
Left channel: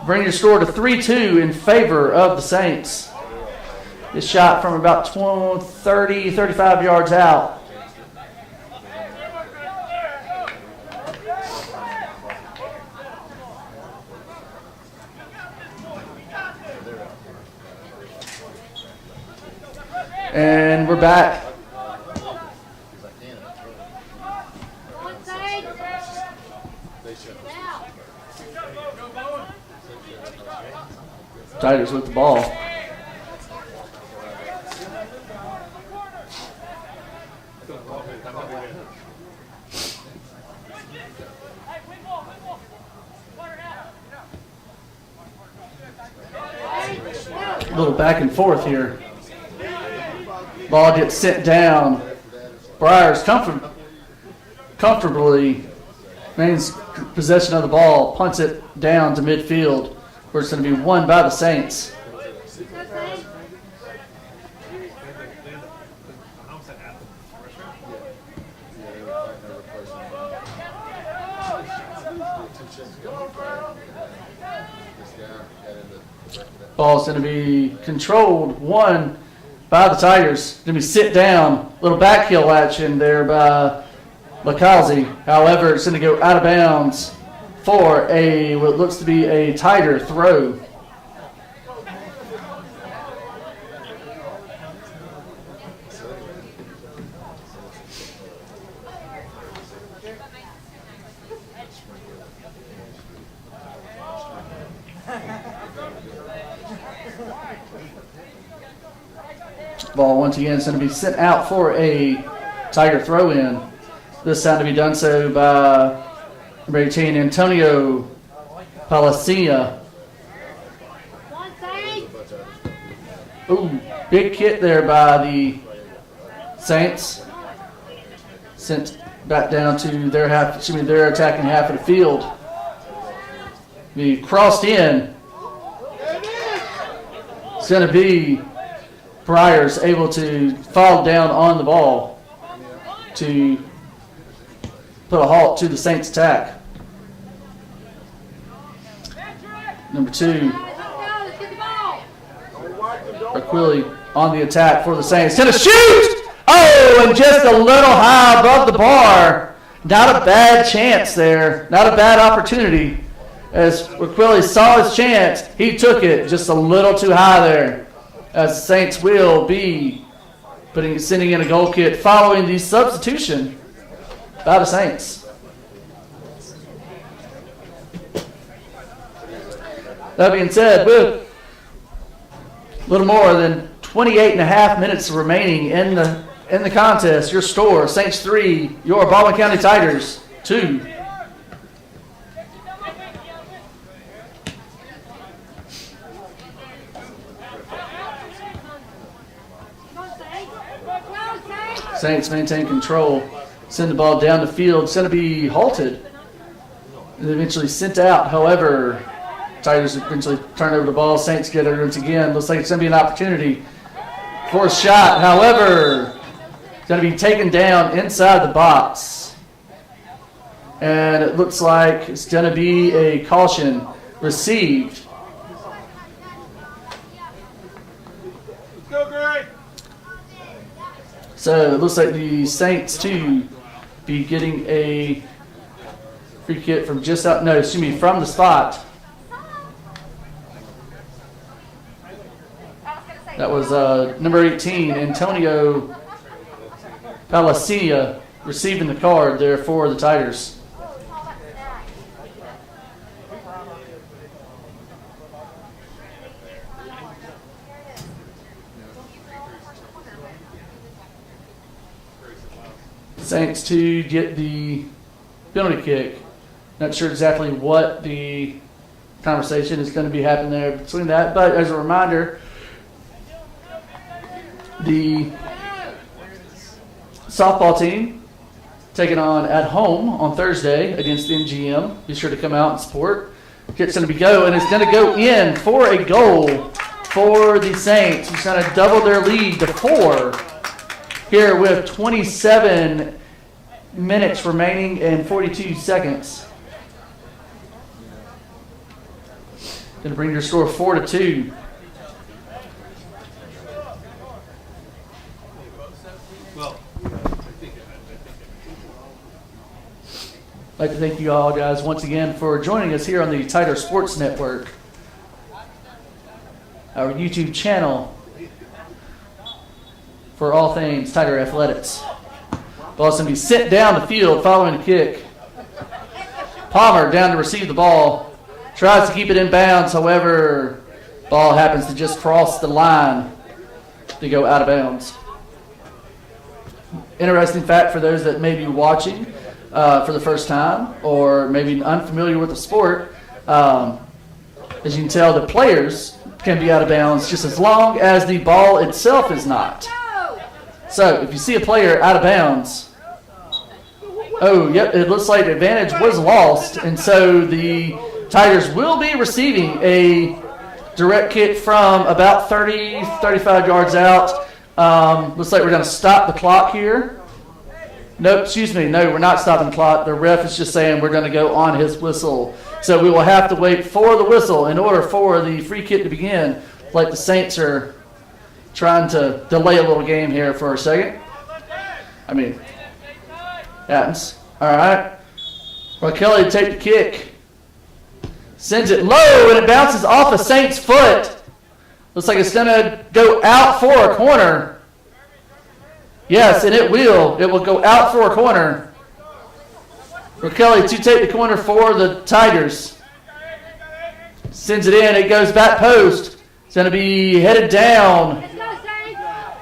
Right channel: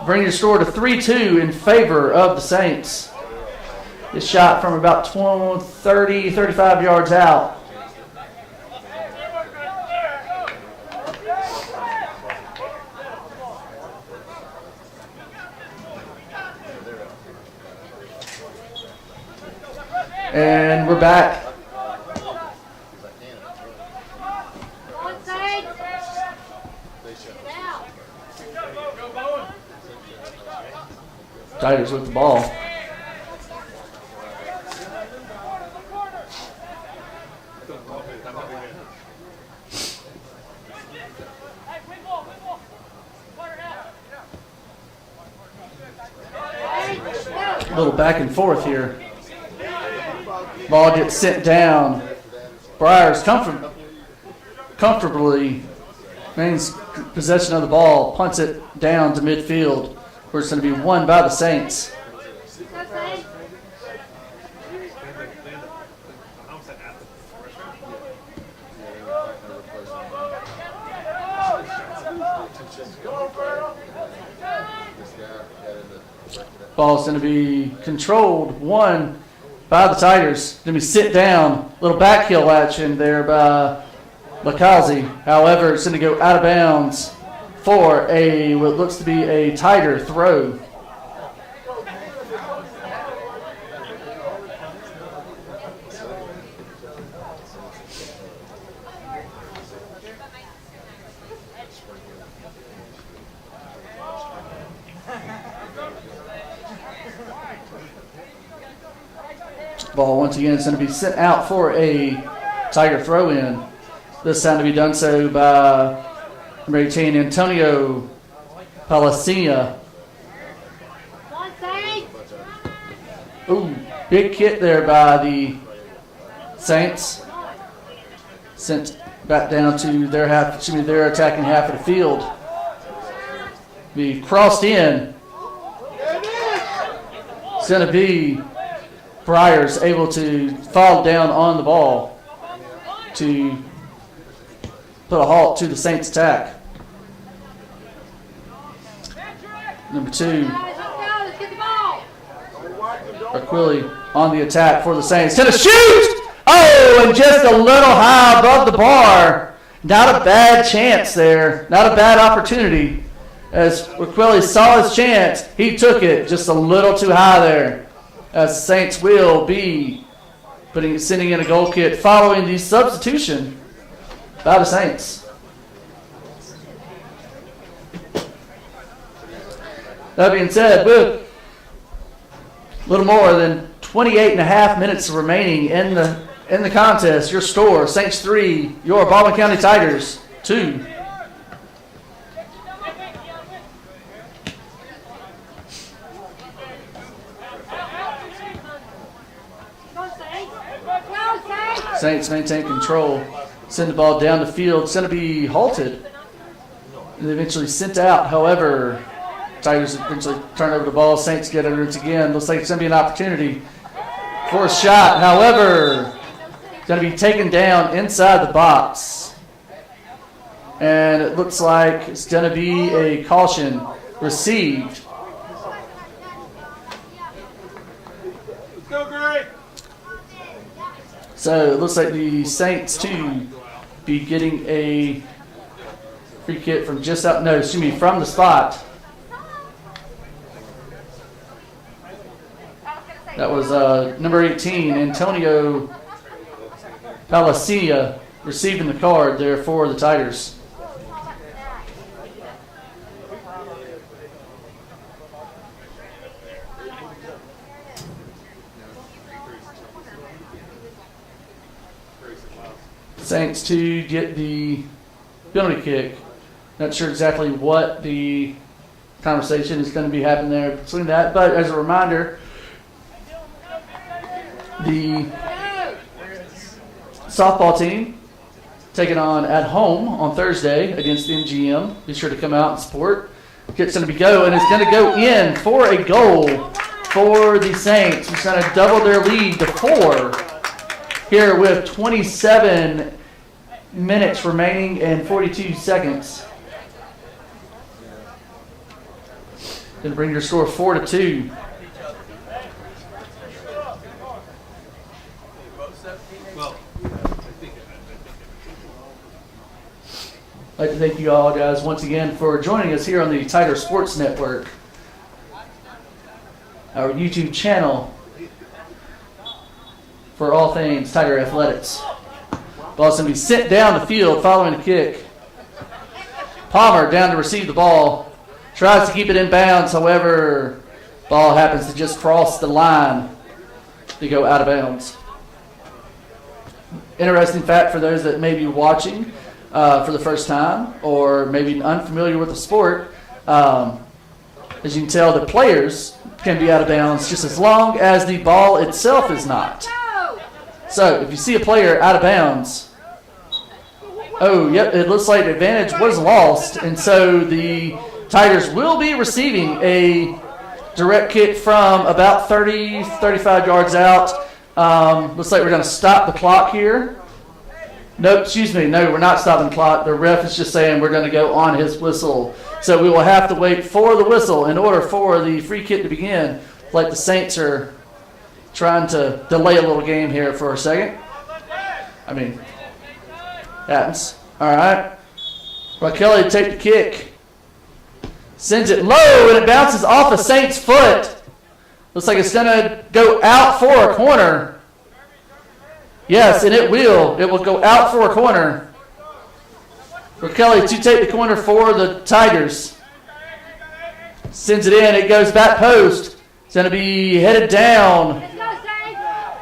Bringing the score to 3-2 in favor of the Saints. This shot from about 30, 35 yards out. And we're back. Tigers with the ball. A little back and forth here. Ball gets sent down. Briars comfortably maintains possession of the ball, punts it down to midfield, where it's going to be won by the Saints. Ball's going to be controlled, won by the Tigers. Going to be sit down. Little back heel action there by Bakazi. However, it's going to go out of bounds for what looks to be a Tiger throw. Ball once again is going to be sent out for a Tiger throw-in. This time to be done so by number 18, Antonio Palacia. Ooh, big hit there by the Saints. Sent back down to their attacking half of the field. Be crossed in. It's going to be Briars able to fall down on the ball to put a halt to the Saints' attack. Number 2, Aquili on the attack for the Saints. To the shoot! Oh, and just a little high above the bar. Not a bad chance there. Not a bad opportunity. As Aquili saw his chance, he took it just a little too high there. As the Saints will be sending in a goal kick following the substitution by the Saints. That being said, with a little more than 28 and a half minutes remaining in the contest, your score, Saints 3, your Baldwin County Tigers 2. Saints maintain control, send the ball down the field. It's going to be halted and eventually sent out. However, Tigers eventually turn over the ball. Saints get it once again. Looks like it's going to be an opportunity for a shot. However, it's going to be taken down inside the box. And it looks like it's going to be a caution received So it looks like the Saints, too, be getting a free kick from just out, no, excuse me, from the spot. That was number 18, Antonio Palacina, receiving the card there for the Tigers. Saints to get the penalty kick. Not sure exactly what the conversation is going to be happening there between that, but as a reminder, the softball team taking on at home on Thursday against MGM. Be sure to come out and support. Kick's going to be go, and it's going to go in for a goal for the Saints, who's going to double their lead to 4 here with 27 minutes remaining and 42 seconds. Going to bring your score 4-2. I'd like to thank you all, guys, once again for joining us here on the Tiger Sports Network, our YouTube channel for all things Tiger Athletics. Ball's going to be sent down the field following the kick. Palmer down to receive the ball. Tries to keep it in bounds, however, ball happens to just cross the line to go out of bounds. Interesting fact for those that may be watching for the first time or maybe unfamiliar with the sport, as you can tell, the players can be out of bounds just as long as the ball itself is not. So if you see a player out of bounds, oh, yep, it looks like the advantage was lost, and so the Tigers will be receiving a direct kick from about 30, 35 yards out. Looks like we're going to stop the clock here. Nope, excuse me. No, we're not stopping the clock. The ref is just saying we're going to go on his whistle. So we will have to wait for the whistle in order for the free kick to begin. Like the Saints are trying to delay a little game here for a second. I mean, happens. All right. Well, Kelly to take the kick. Sends it low, and it bounces off a Saints' foot. Looks like it's going to go out for a corner. Yes, and it will. It will go out for a corner. For Kelly to take the corner for the Tigers. Sends it in. It goes back post. It's going to be headed down.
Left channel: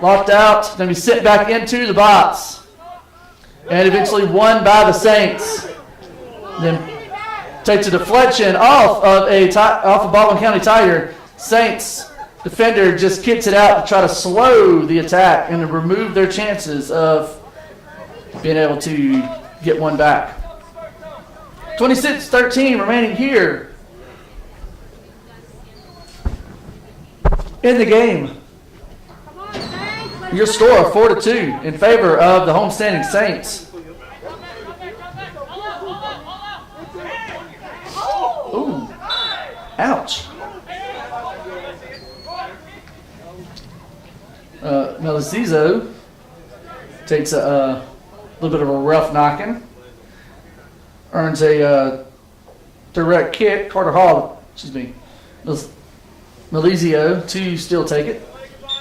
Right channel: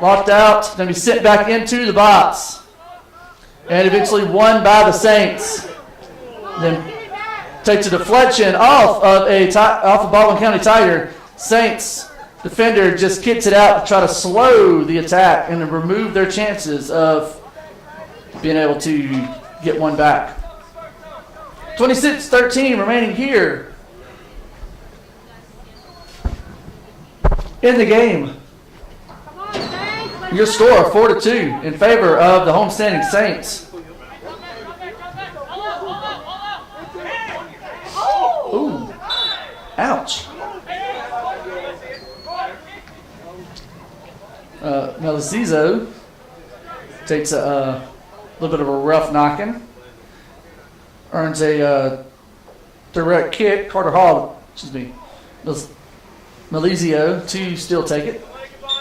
Locked out. It's going to be sent back into the box. And eventually won by the Saints. Then takes a deflection off of Baldwin County Tiger. Saints defender just kicks it out to try to slow the attack and remove their chances of being able to get one back. 26-13 remaining here in the game. Your score 4-2 in favor of the homestanding Saints. Ooh, ouch. Melisizo takes a little bit of a rough knocking. Earns a direct kick. Carter Hall, excuse me. Melizio to still take it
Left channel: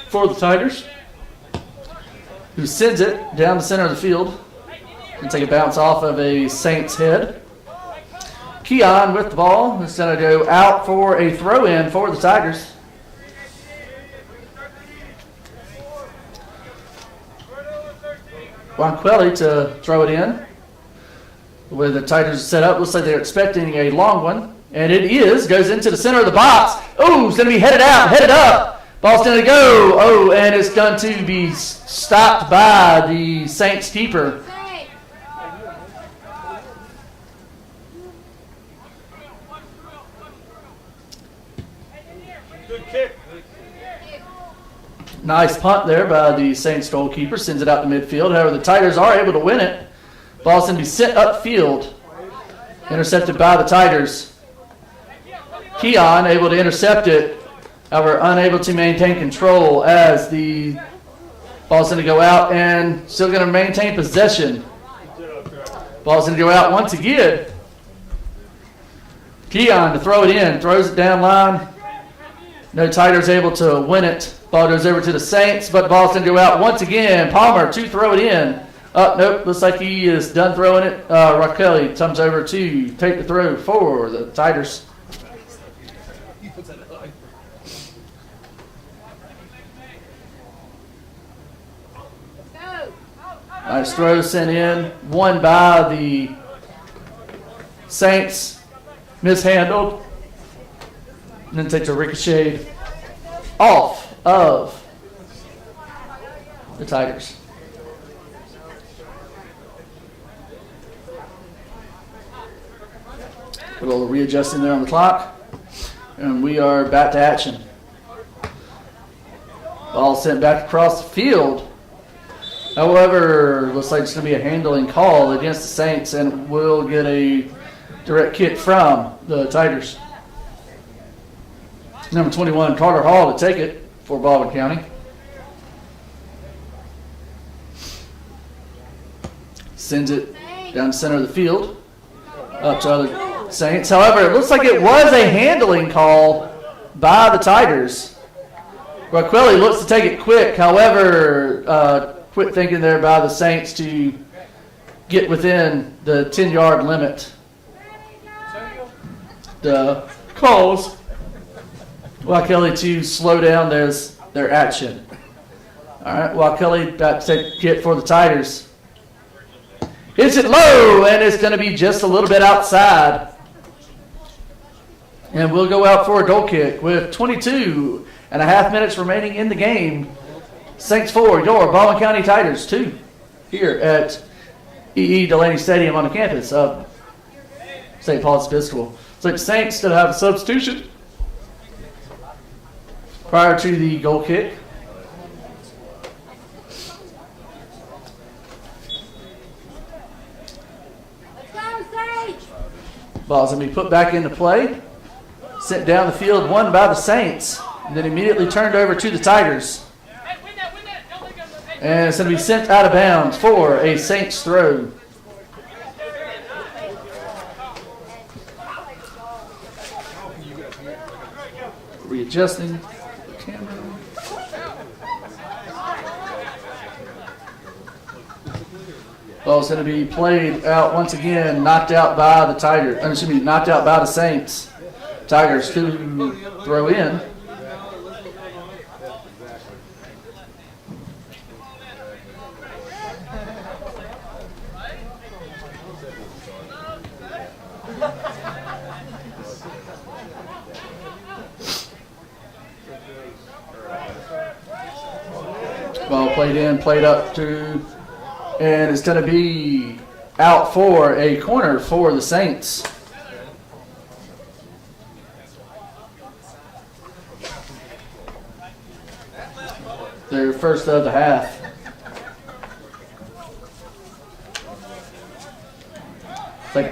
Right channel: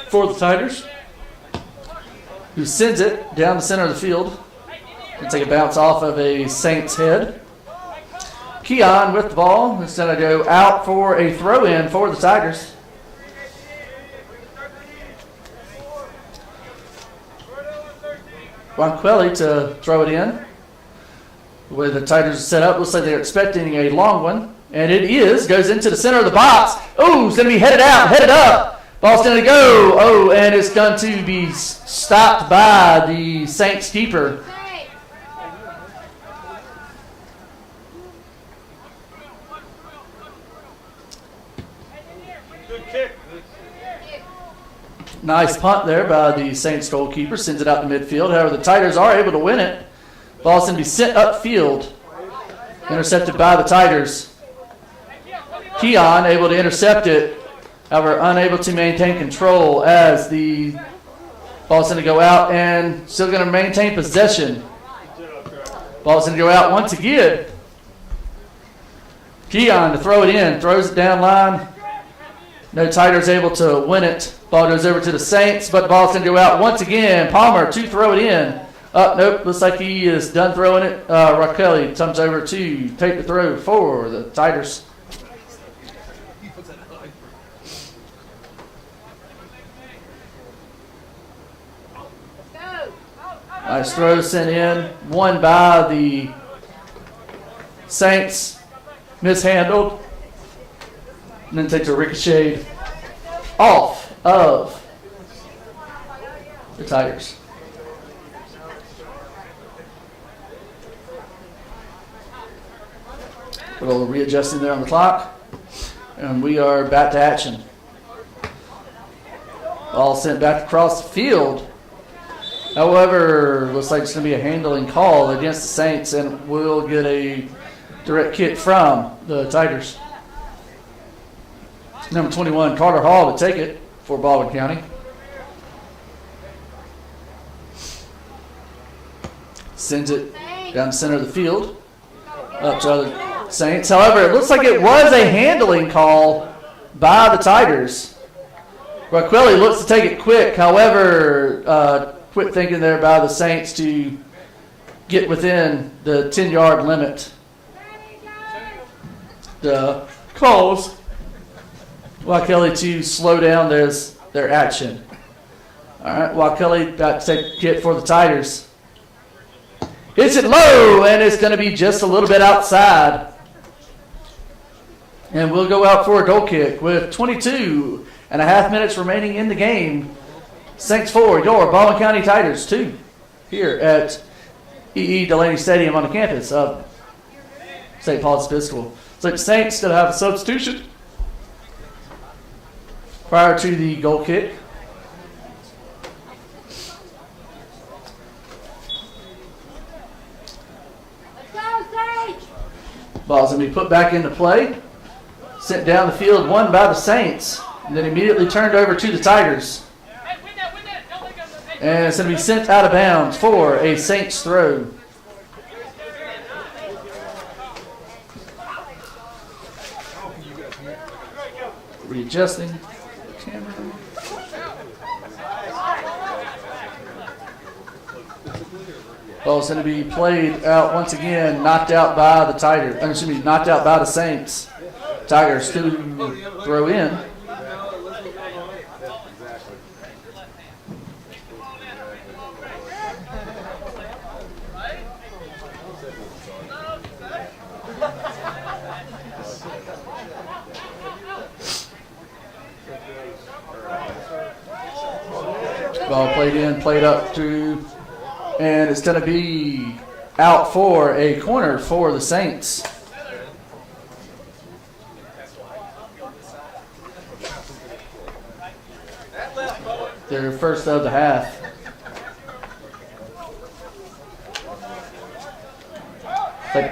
for the Tigers, who sends it down the center of the field and take a bounce off of a Saints head. Keon with the ball is going to go out for a throw-in for the Tigers. Wanquelli to throw it in. The way the Tigers are set up, looks like they're expecting a long one. And it is. Goes into the center of the box. Oh, it's going to be headed out, headed up. Ball's going to go. Oh, and it's going to be stopped by the Saints keeper. Good kick. Nice punt there by the Saints goalkeeper. Sends it out to midfield. However, the Tigers are able to win it. Ball's going to be sent upfield. Intercepted by the Tigers. Keon able to intercept it. However, unable to maintain control as the Ball's going to go out and still going to maintain possession. Ball's going to go out once again. Keon to throw it in, throws it down line. No Tigers able to win it. Ball goes over to the Saints, but the ball's going to go out once again. Palmer to throw it in. Nope, looks like he is done throwing it. Raquel comes over to take the throw for the Tigers. Nice throw sent in. One by the Saints. Mishandled. And then takes a ricochet off of the Tigers. A little readjusting there on the clock. And we are back to action. Ball sent back across the field. However, looks like it's going to be a handling call against the Saints, and we'll get a direct kick from the Tigers. Number 21, Carter Hall, to take it for Baldwin County. Sends it down the center of the field, up to other Saints. However, it looks like it was a handling call by the Tigers. Raquel looks to take it quick. However, quick thinking there by the Saints to get within the 10-yard limit. The calls Raquel to slow down their action. All right, Raquel got to take a hit for the Tigers. Hits it low, and it's going to be just a little bit outside. And we'll go out for a goal kick with 22 and a half minutes remaining in the game. Saints 4, your Baldwin County Tigers 2 here at E.E. Delaney Stadium on the campus of St. Paul's Episcopal. So the Saints going to have a substitution prior to the goal kick. Let's go, Saints! Ball's going to be put back into play. Sent down the field, won by the Saints, and then immediately turned over to the Tigers. And it's going to be sent out of bounds for a Saints throw. Readjusting the camera. Ball's going to be played out once again, knocked out by the Tigers. Excuse me, knocked out by the Saints. Tigers to throw in. Ball played in, played up to, and it's going to be out for a corner for the Saints. Their first of the half. Like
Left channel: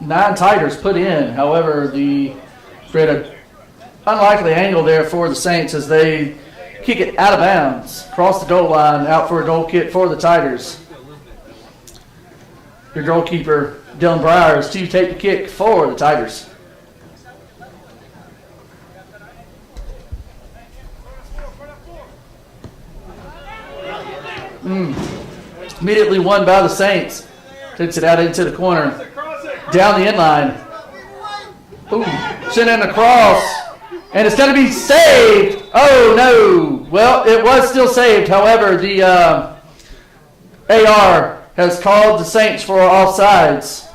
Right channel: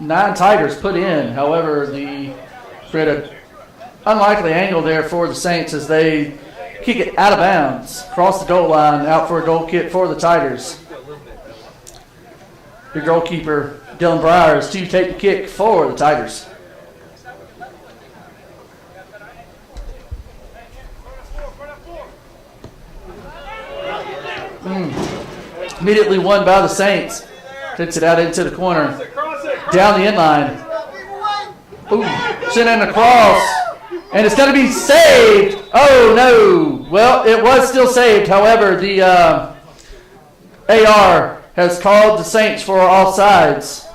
9 Tigers put in. However, the an unlikely angle there for the Saints as they kick it out of bounds, cross the goal line, out for a goal kick for the Tigers. Your goalkeeper, Dylan Briers, to take the kick for the Tigers. Immediately won by the Saints. Takes it out into the corner. Down the inline. Sent in across. And it's going to be saved. Oh, no. Well, it was still saved. However, the AR has called the Saints for offsides.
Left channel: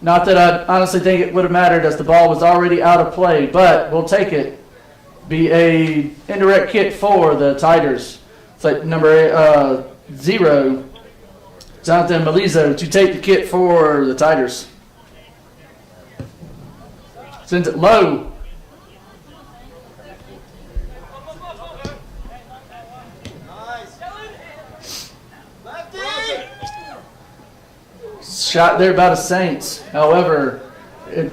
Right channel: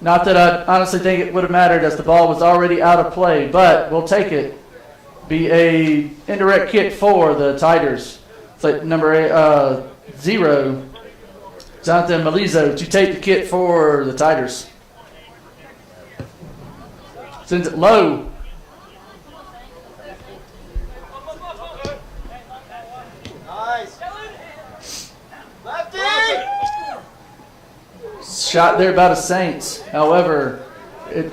Not that I honestly think it would have mattered as the ball was already out of play, but we'll take it. Be a indirect kick for the Tigers. It's like number 0, Jonathan Malizo, to take the kick for the Tigers. Sends it low. Shot there by the Saints. However, it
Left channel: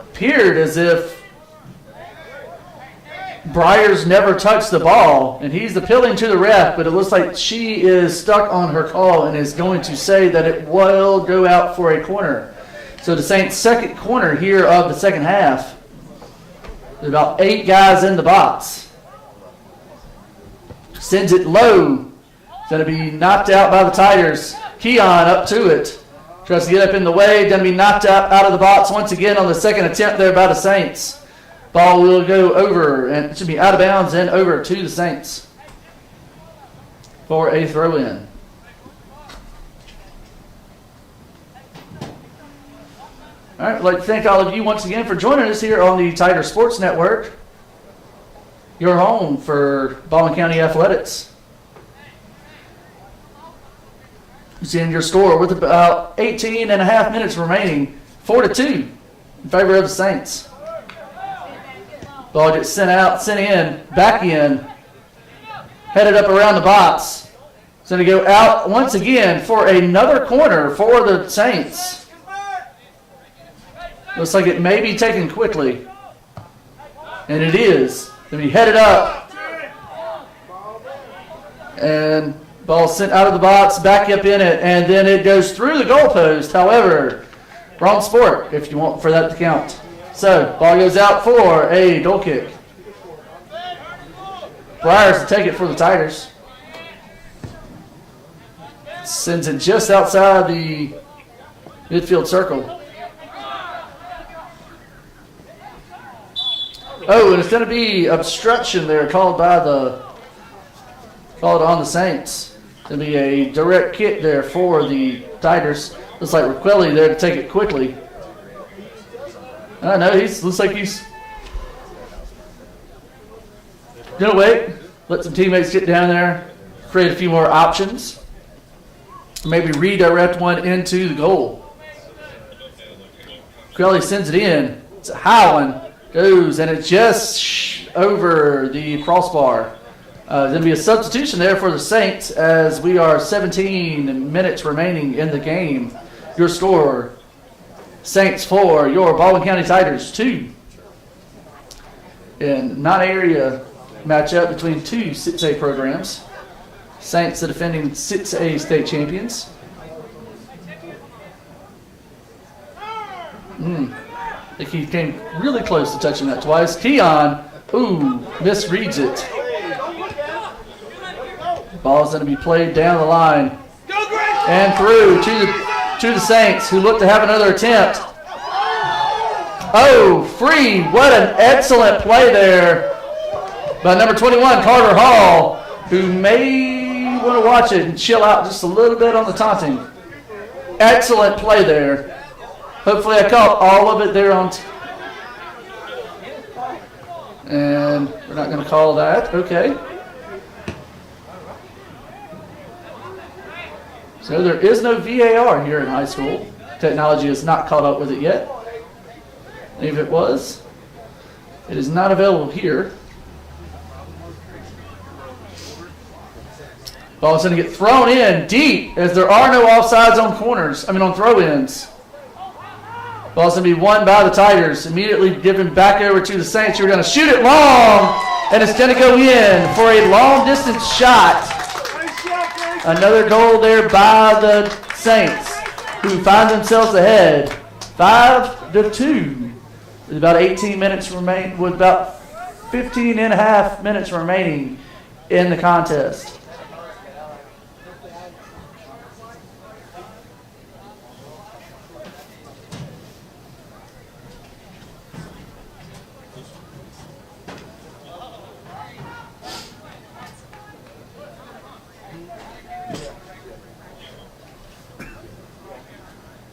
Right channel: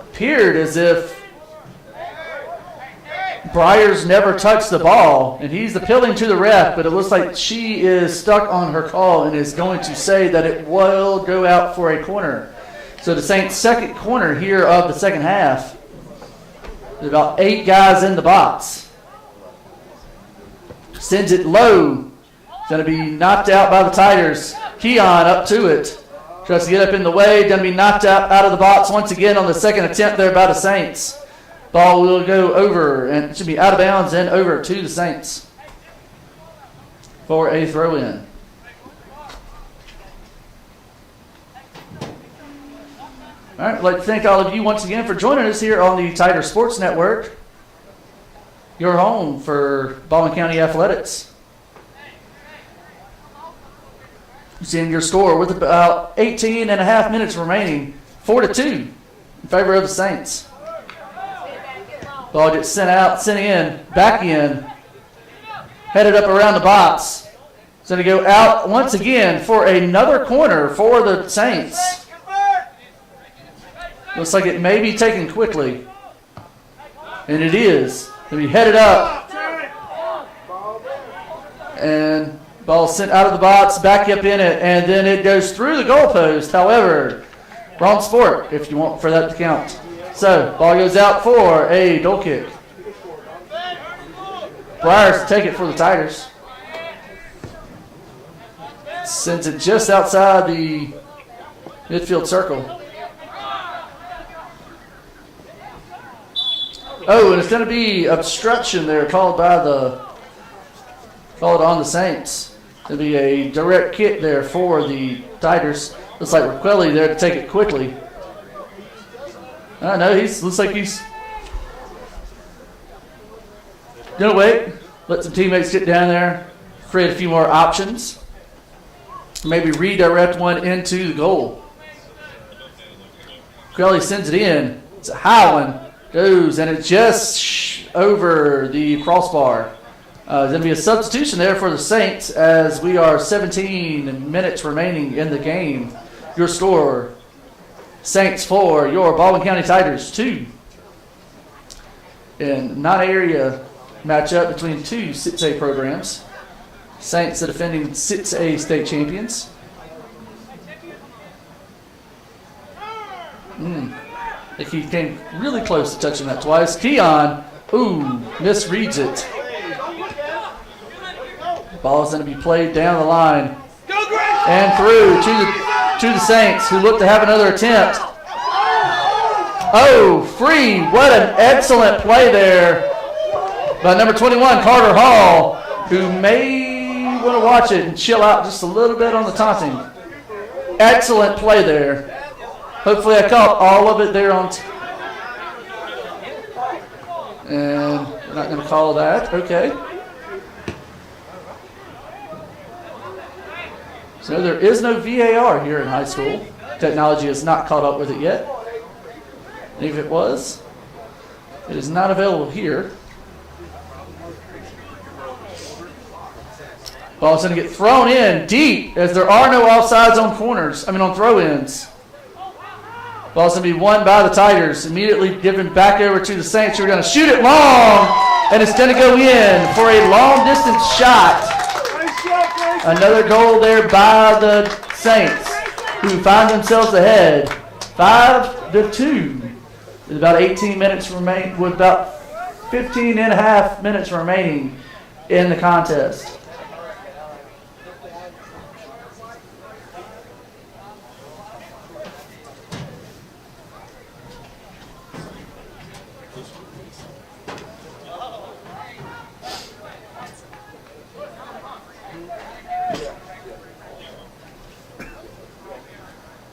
appeared as if Briars never touched the ball, and he's appealing to the ref, but it looks like she is stuck on her call and is going to say that it will go out for a corner. So the Saints' second corner here of the second half. There's about 8 guys in the box. Sends it low. Going to be knocked out by the Tigers. Keon up to it. Tries to get up in the way. Going to be knocked out of the box once again on the second attempt there by the Saints. Ball will go over, and it should be out of bounds and over to the Saints for a throw-in. All right, I'd like to thank all of you once again for joining us here on the Tiger Sports Network, your home for Baldwin County Athletics. It's in your score with about 18 and a half minutes remaining, 4-2 in favor of the Saints. Ball gets sent in, back in, headed up around the box. It's going to go out once again for another corner for the Saints. Looks like it may be taken quickly. And it is. Going to be headed up. And ball sent out of the box, back up in it, and then it goes through the goalpost. However, wrong sport if you want for that to count. So, ball goes out for a goal kick. Briars to take it for the Tigers. Sends it just outside the midfield circle. Oh, and it's going to be obstruction there called on the Saints. It's going to be a direct kick there for the Tigers. Looks like Raquelli there to take it quickly. I know, looks like he's going to wait, let some teammates get down there, create a few more options, maybe redirect one into the goal. Raquelli sends it in. It's a high one. Goes, and it's just over the crossbar. There's going to be a substitution there for the Saints as we are 17 minutes remaining in the game. Your score, Saints 4, your Baldwin County Tigers 2. In non-area matchup between two 6A programs. Saints, the defending 6A state champions. I think he came really close to touching that twice. Keon, misreads it. Ball's going to be played down the line and through to the Saints, who look to have another attempt. Oh, free. What an excellent play there by number 21, Carter Hall, who may want to watch it and chill out just a little bit on the taunting. Excellent play there. Hopefully I caught all of it there on and we're not going to call that. Okay. So there is no VAR here in high school. Technology has not caught up with it yet. If it was, it is not available here. Ball's going to get thrown in deep as there are no offsides on on throw-ins. Ball's going to be won by the Tigers. Immediately given back over to the Saints, who are going to shoot it long, and it's going to go in for a long-distance shot. Another goal there by the Saints, who find themselves ahead 5-2. With about 18 minutes remain, with about 15 and a half minutes remaining in the contest.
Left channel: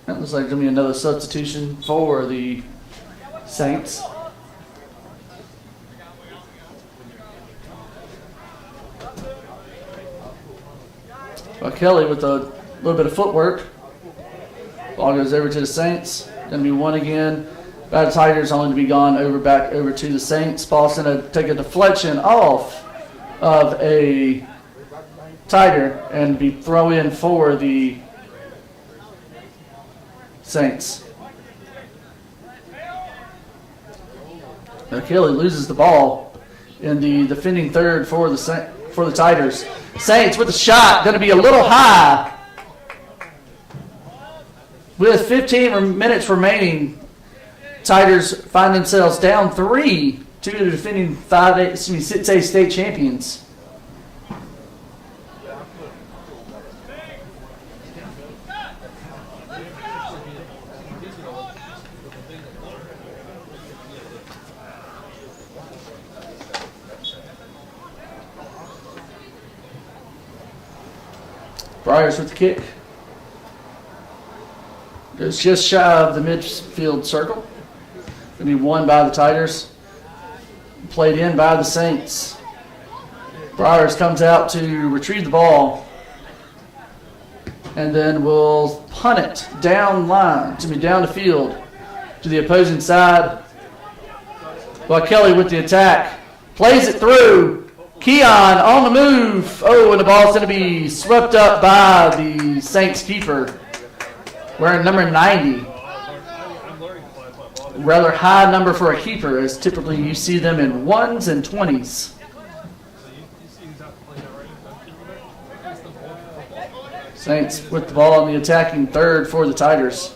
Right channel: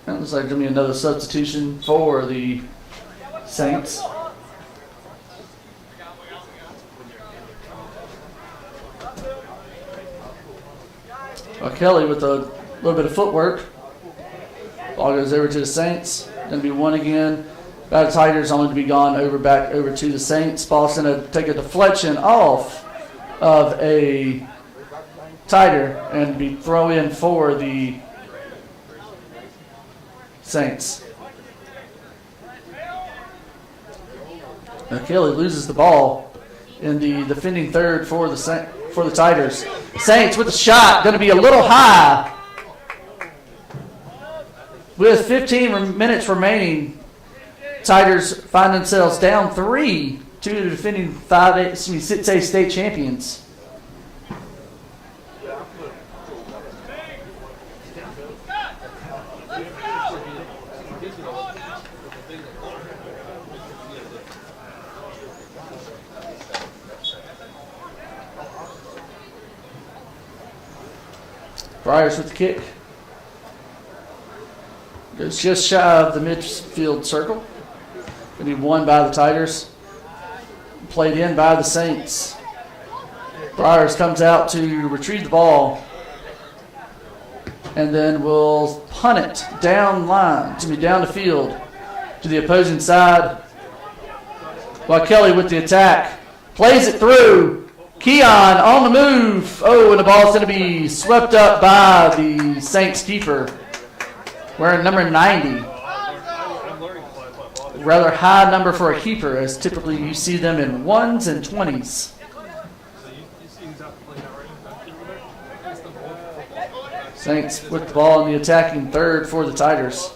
Looks like there's going to be another substitution for the Saints. Kelly with a little bit of footwork. Ball goes over to the Saints. Going to be won again by the Tigers, only to be gone back over to the Saints. Ball's going to take a deflection off of a Tiger and be thrown in for the Saints. Now Kelly loses the ball in the defending third for the Tigers. Saints with a shot, going to be a little high. With 15 minutes remaining, Tigers find themselves down 3 to the defending 6A state champions. Briars with the kick. Goes just shy of the midfield circle. Going to be won by the Tigers. Played in by the Saints. Briars comes out to retrieve the ball. And then will punt it down the field to the opposing side. While Kelly with the attack. Plays it through. Keon on the move. Oh, and the ball's going to be swept up by the Saints keeper. Wearing number 90. Rather high number for a keeper, as typically you see them in 1s and 20s. Saints with the ball in the attacking third for the Tigers.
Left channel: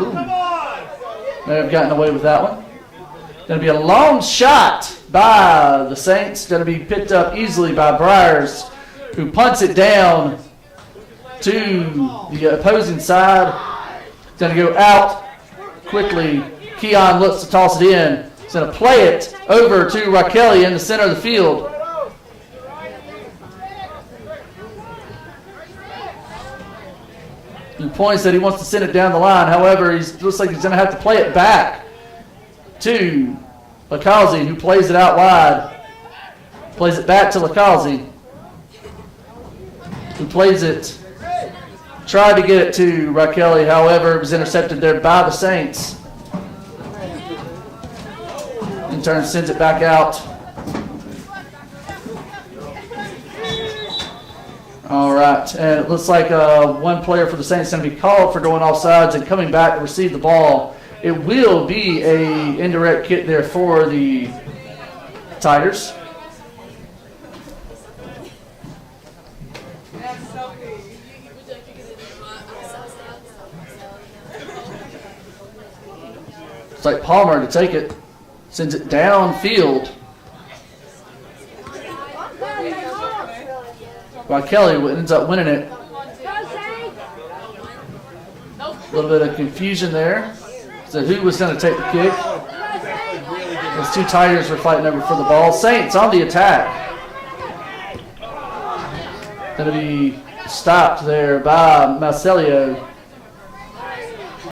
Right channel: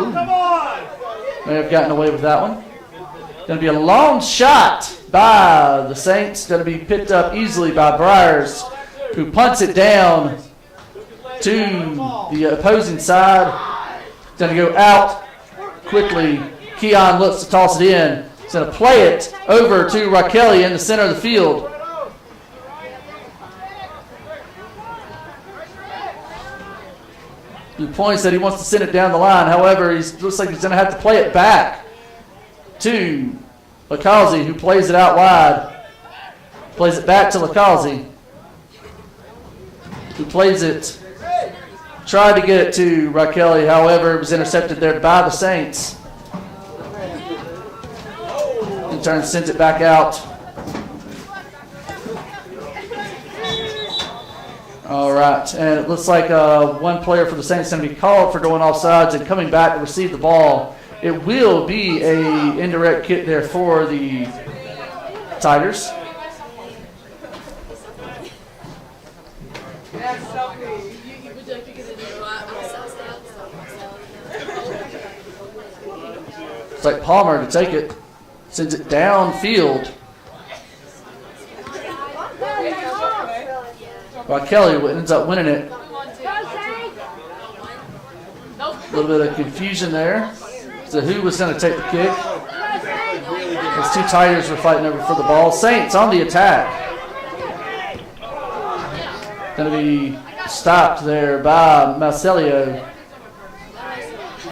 Ooh. May have gotten away with that one. Going to be a long shot by the Saints. Going to be picked up easily by Briars, who punts it down to the opposing side. Going to go out quickly. Keon looks to toss it in. He's going to play it over to Raquel in the center of the field. He points that he wants to send it down the line. However, he looks like he's going to have to play it back to Lacazzi, who plays it out wide. Plays it back to Lacazzi, who plays it. Tried to get it to Raquel, however, it was intercepted there by the Saints. In turn, sends it back out. All right, and it looks like one player for the Saints is going to be called for going offsides and coming back to receive the ball. It will be a indirect kick there for the Tigers. It's like Palmer to take it. Sends it downfield. While Kelly ends up winning it. A little bit of confusion there. So who was going to take the kick? Those two Tigers were fighting over for the ball. Saints on the attack. Going to be stopped there by Marcelio.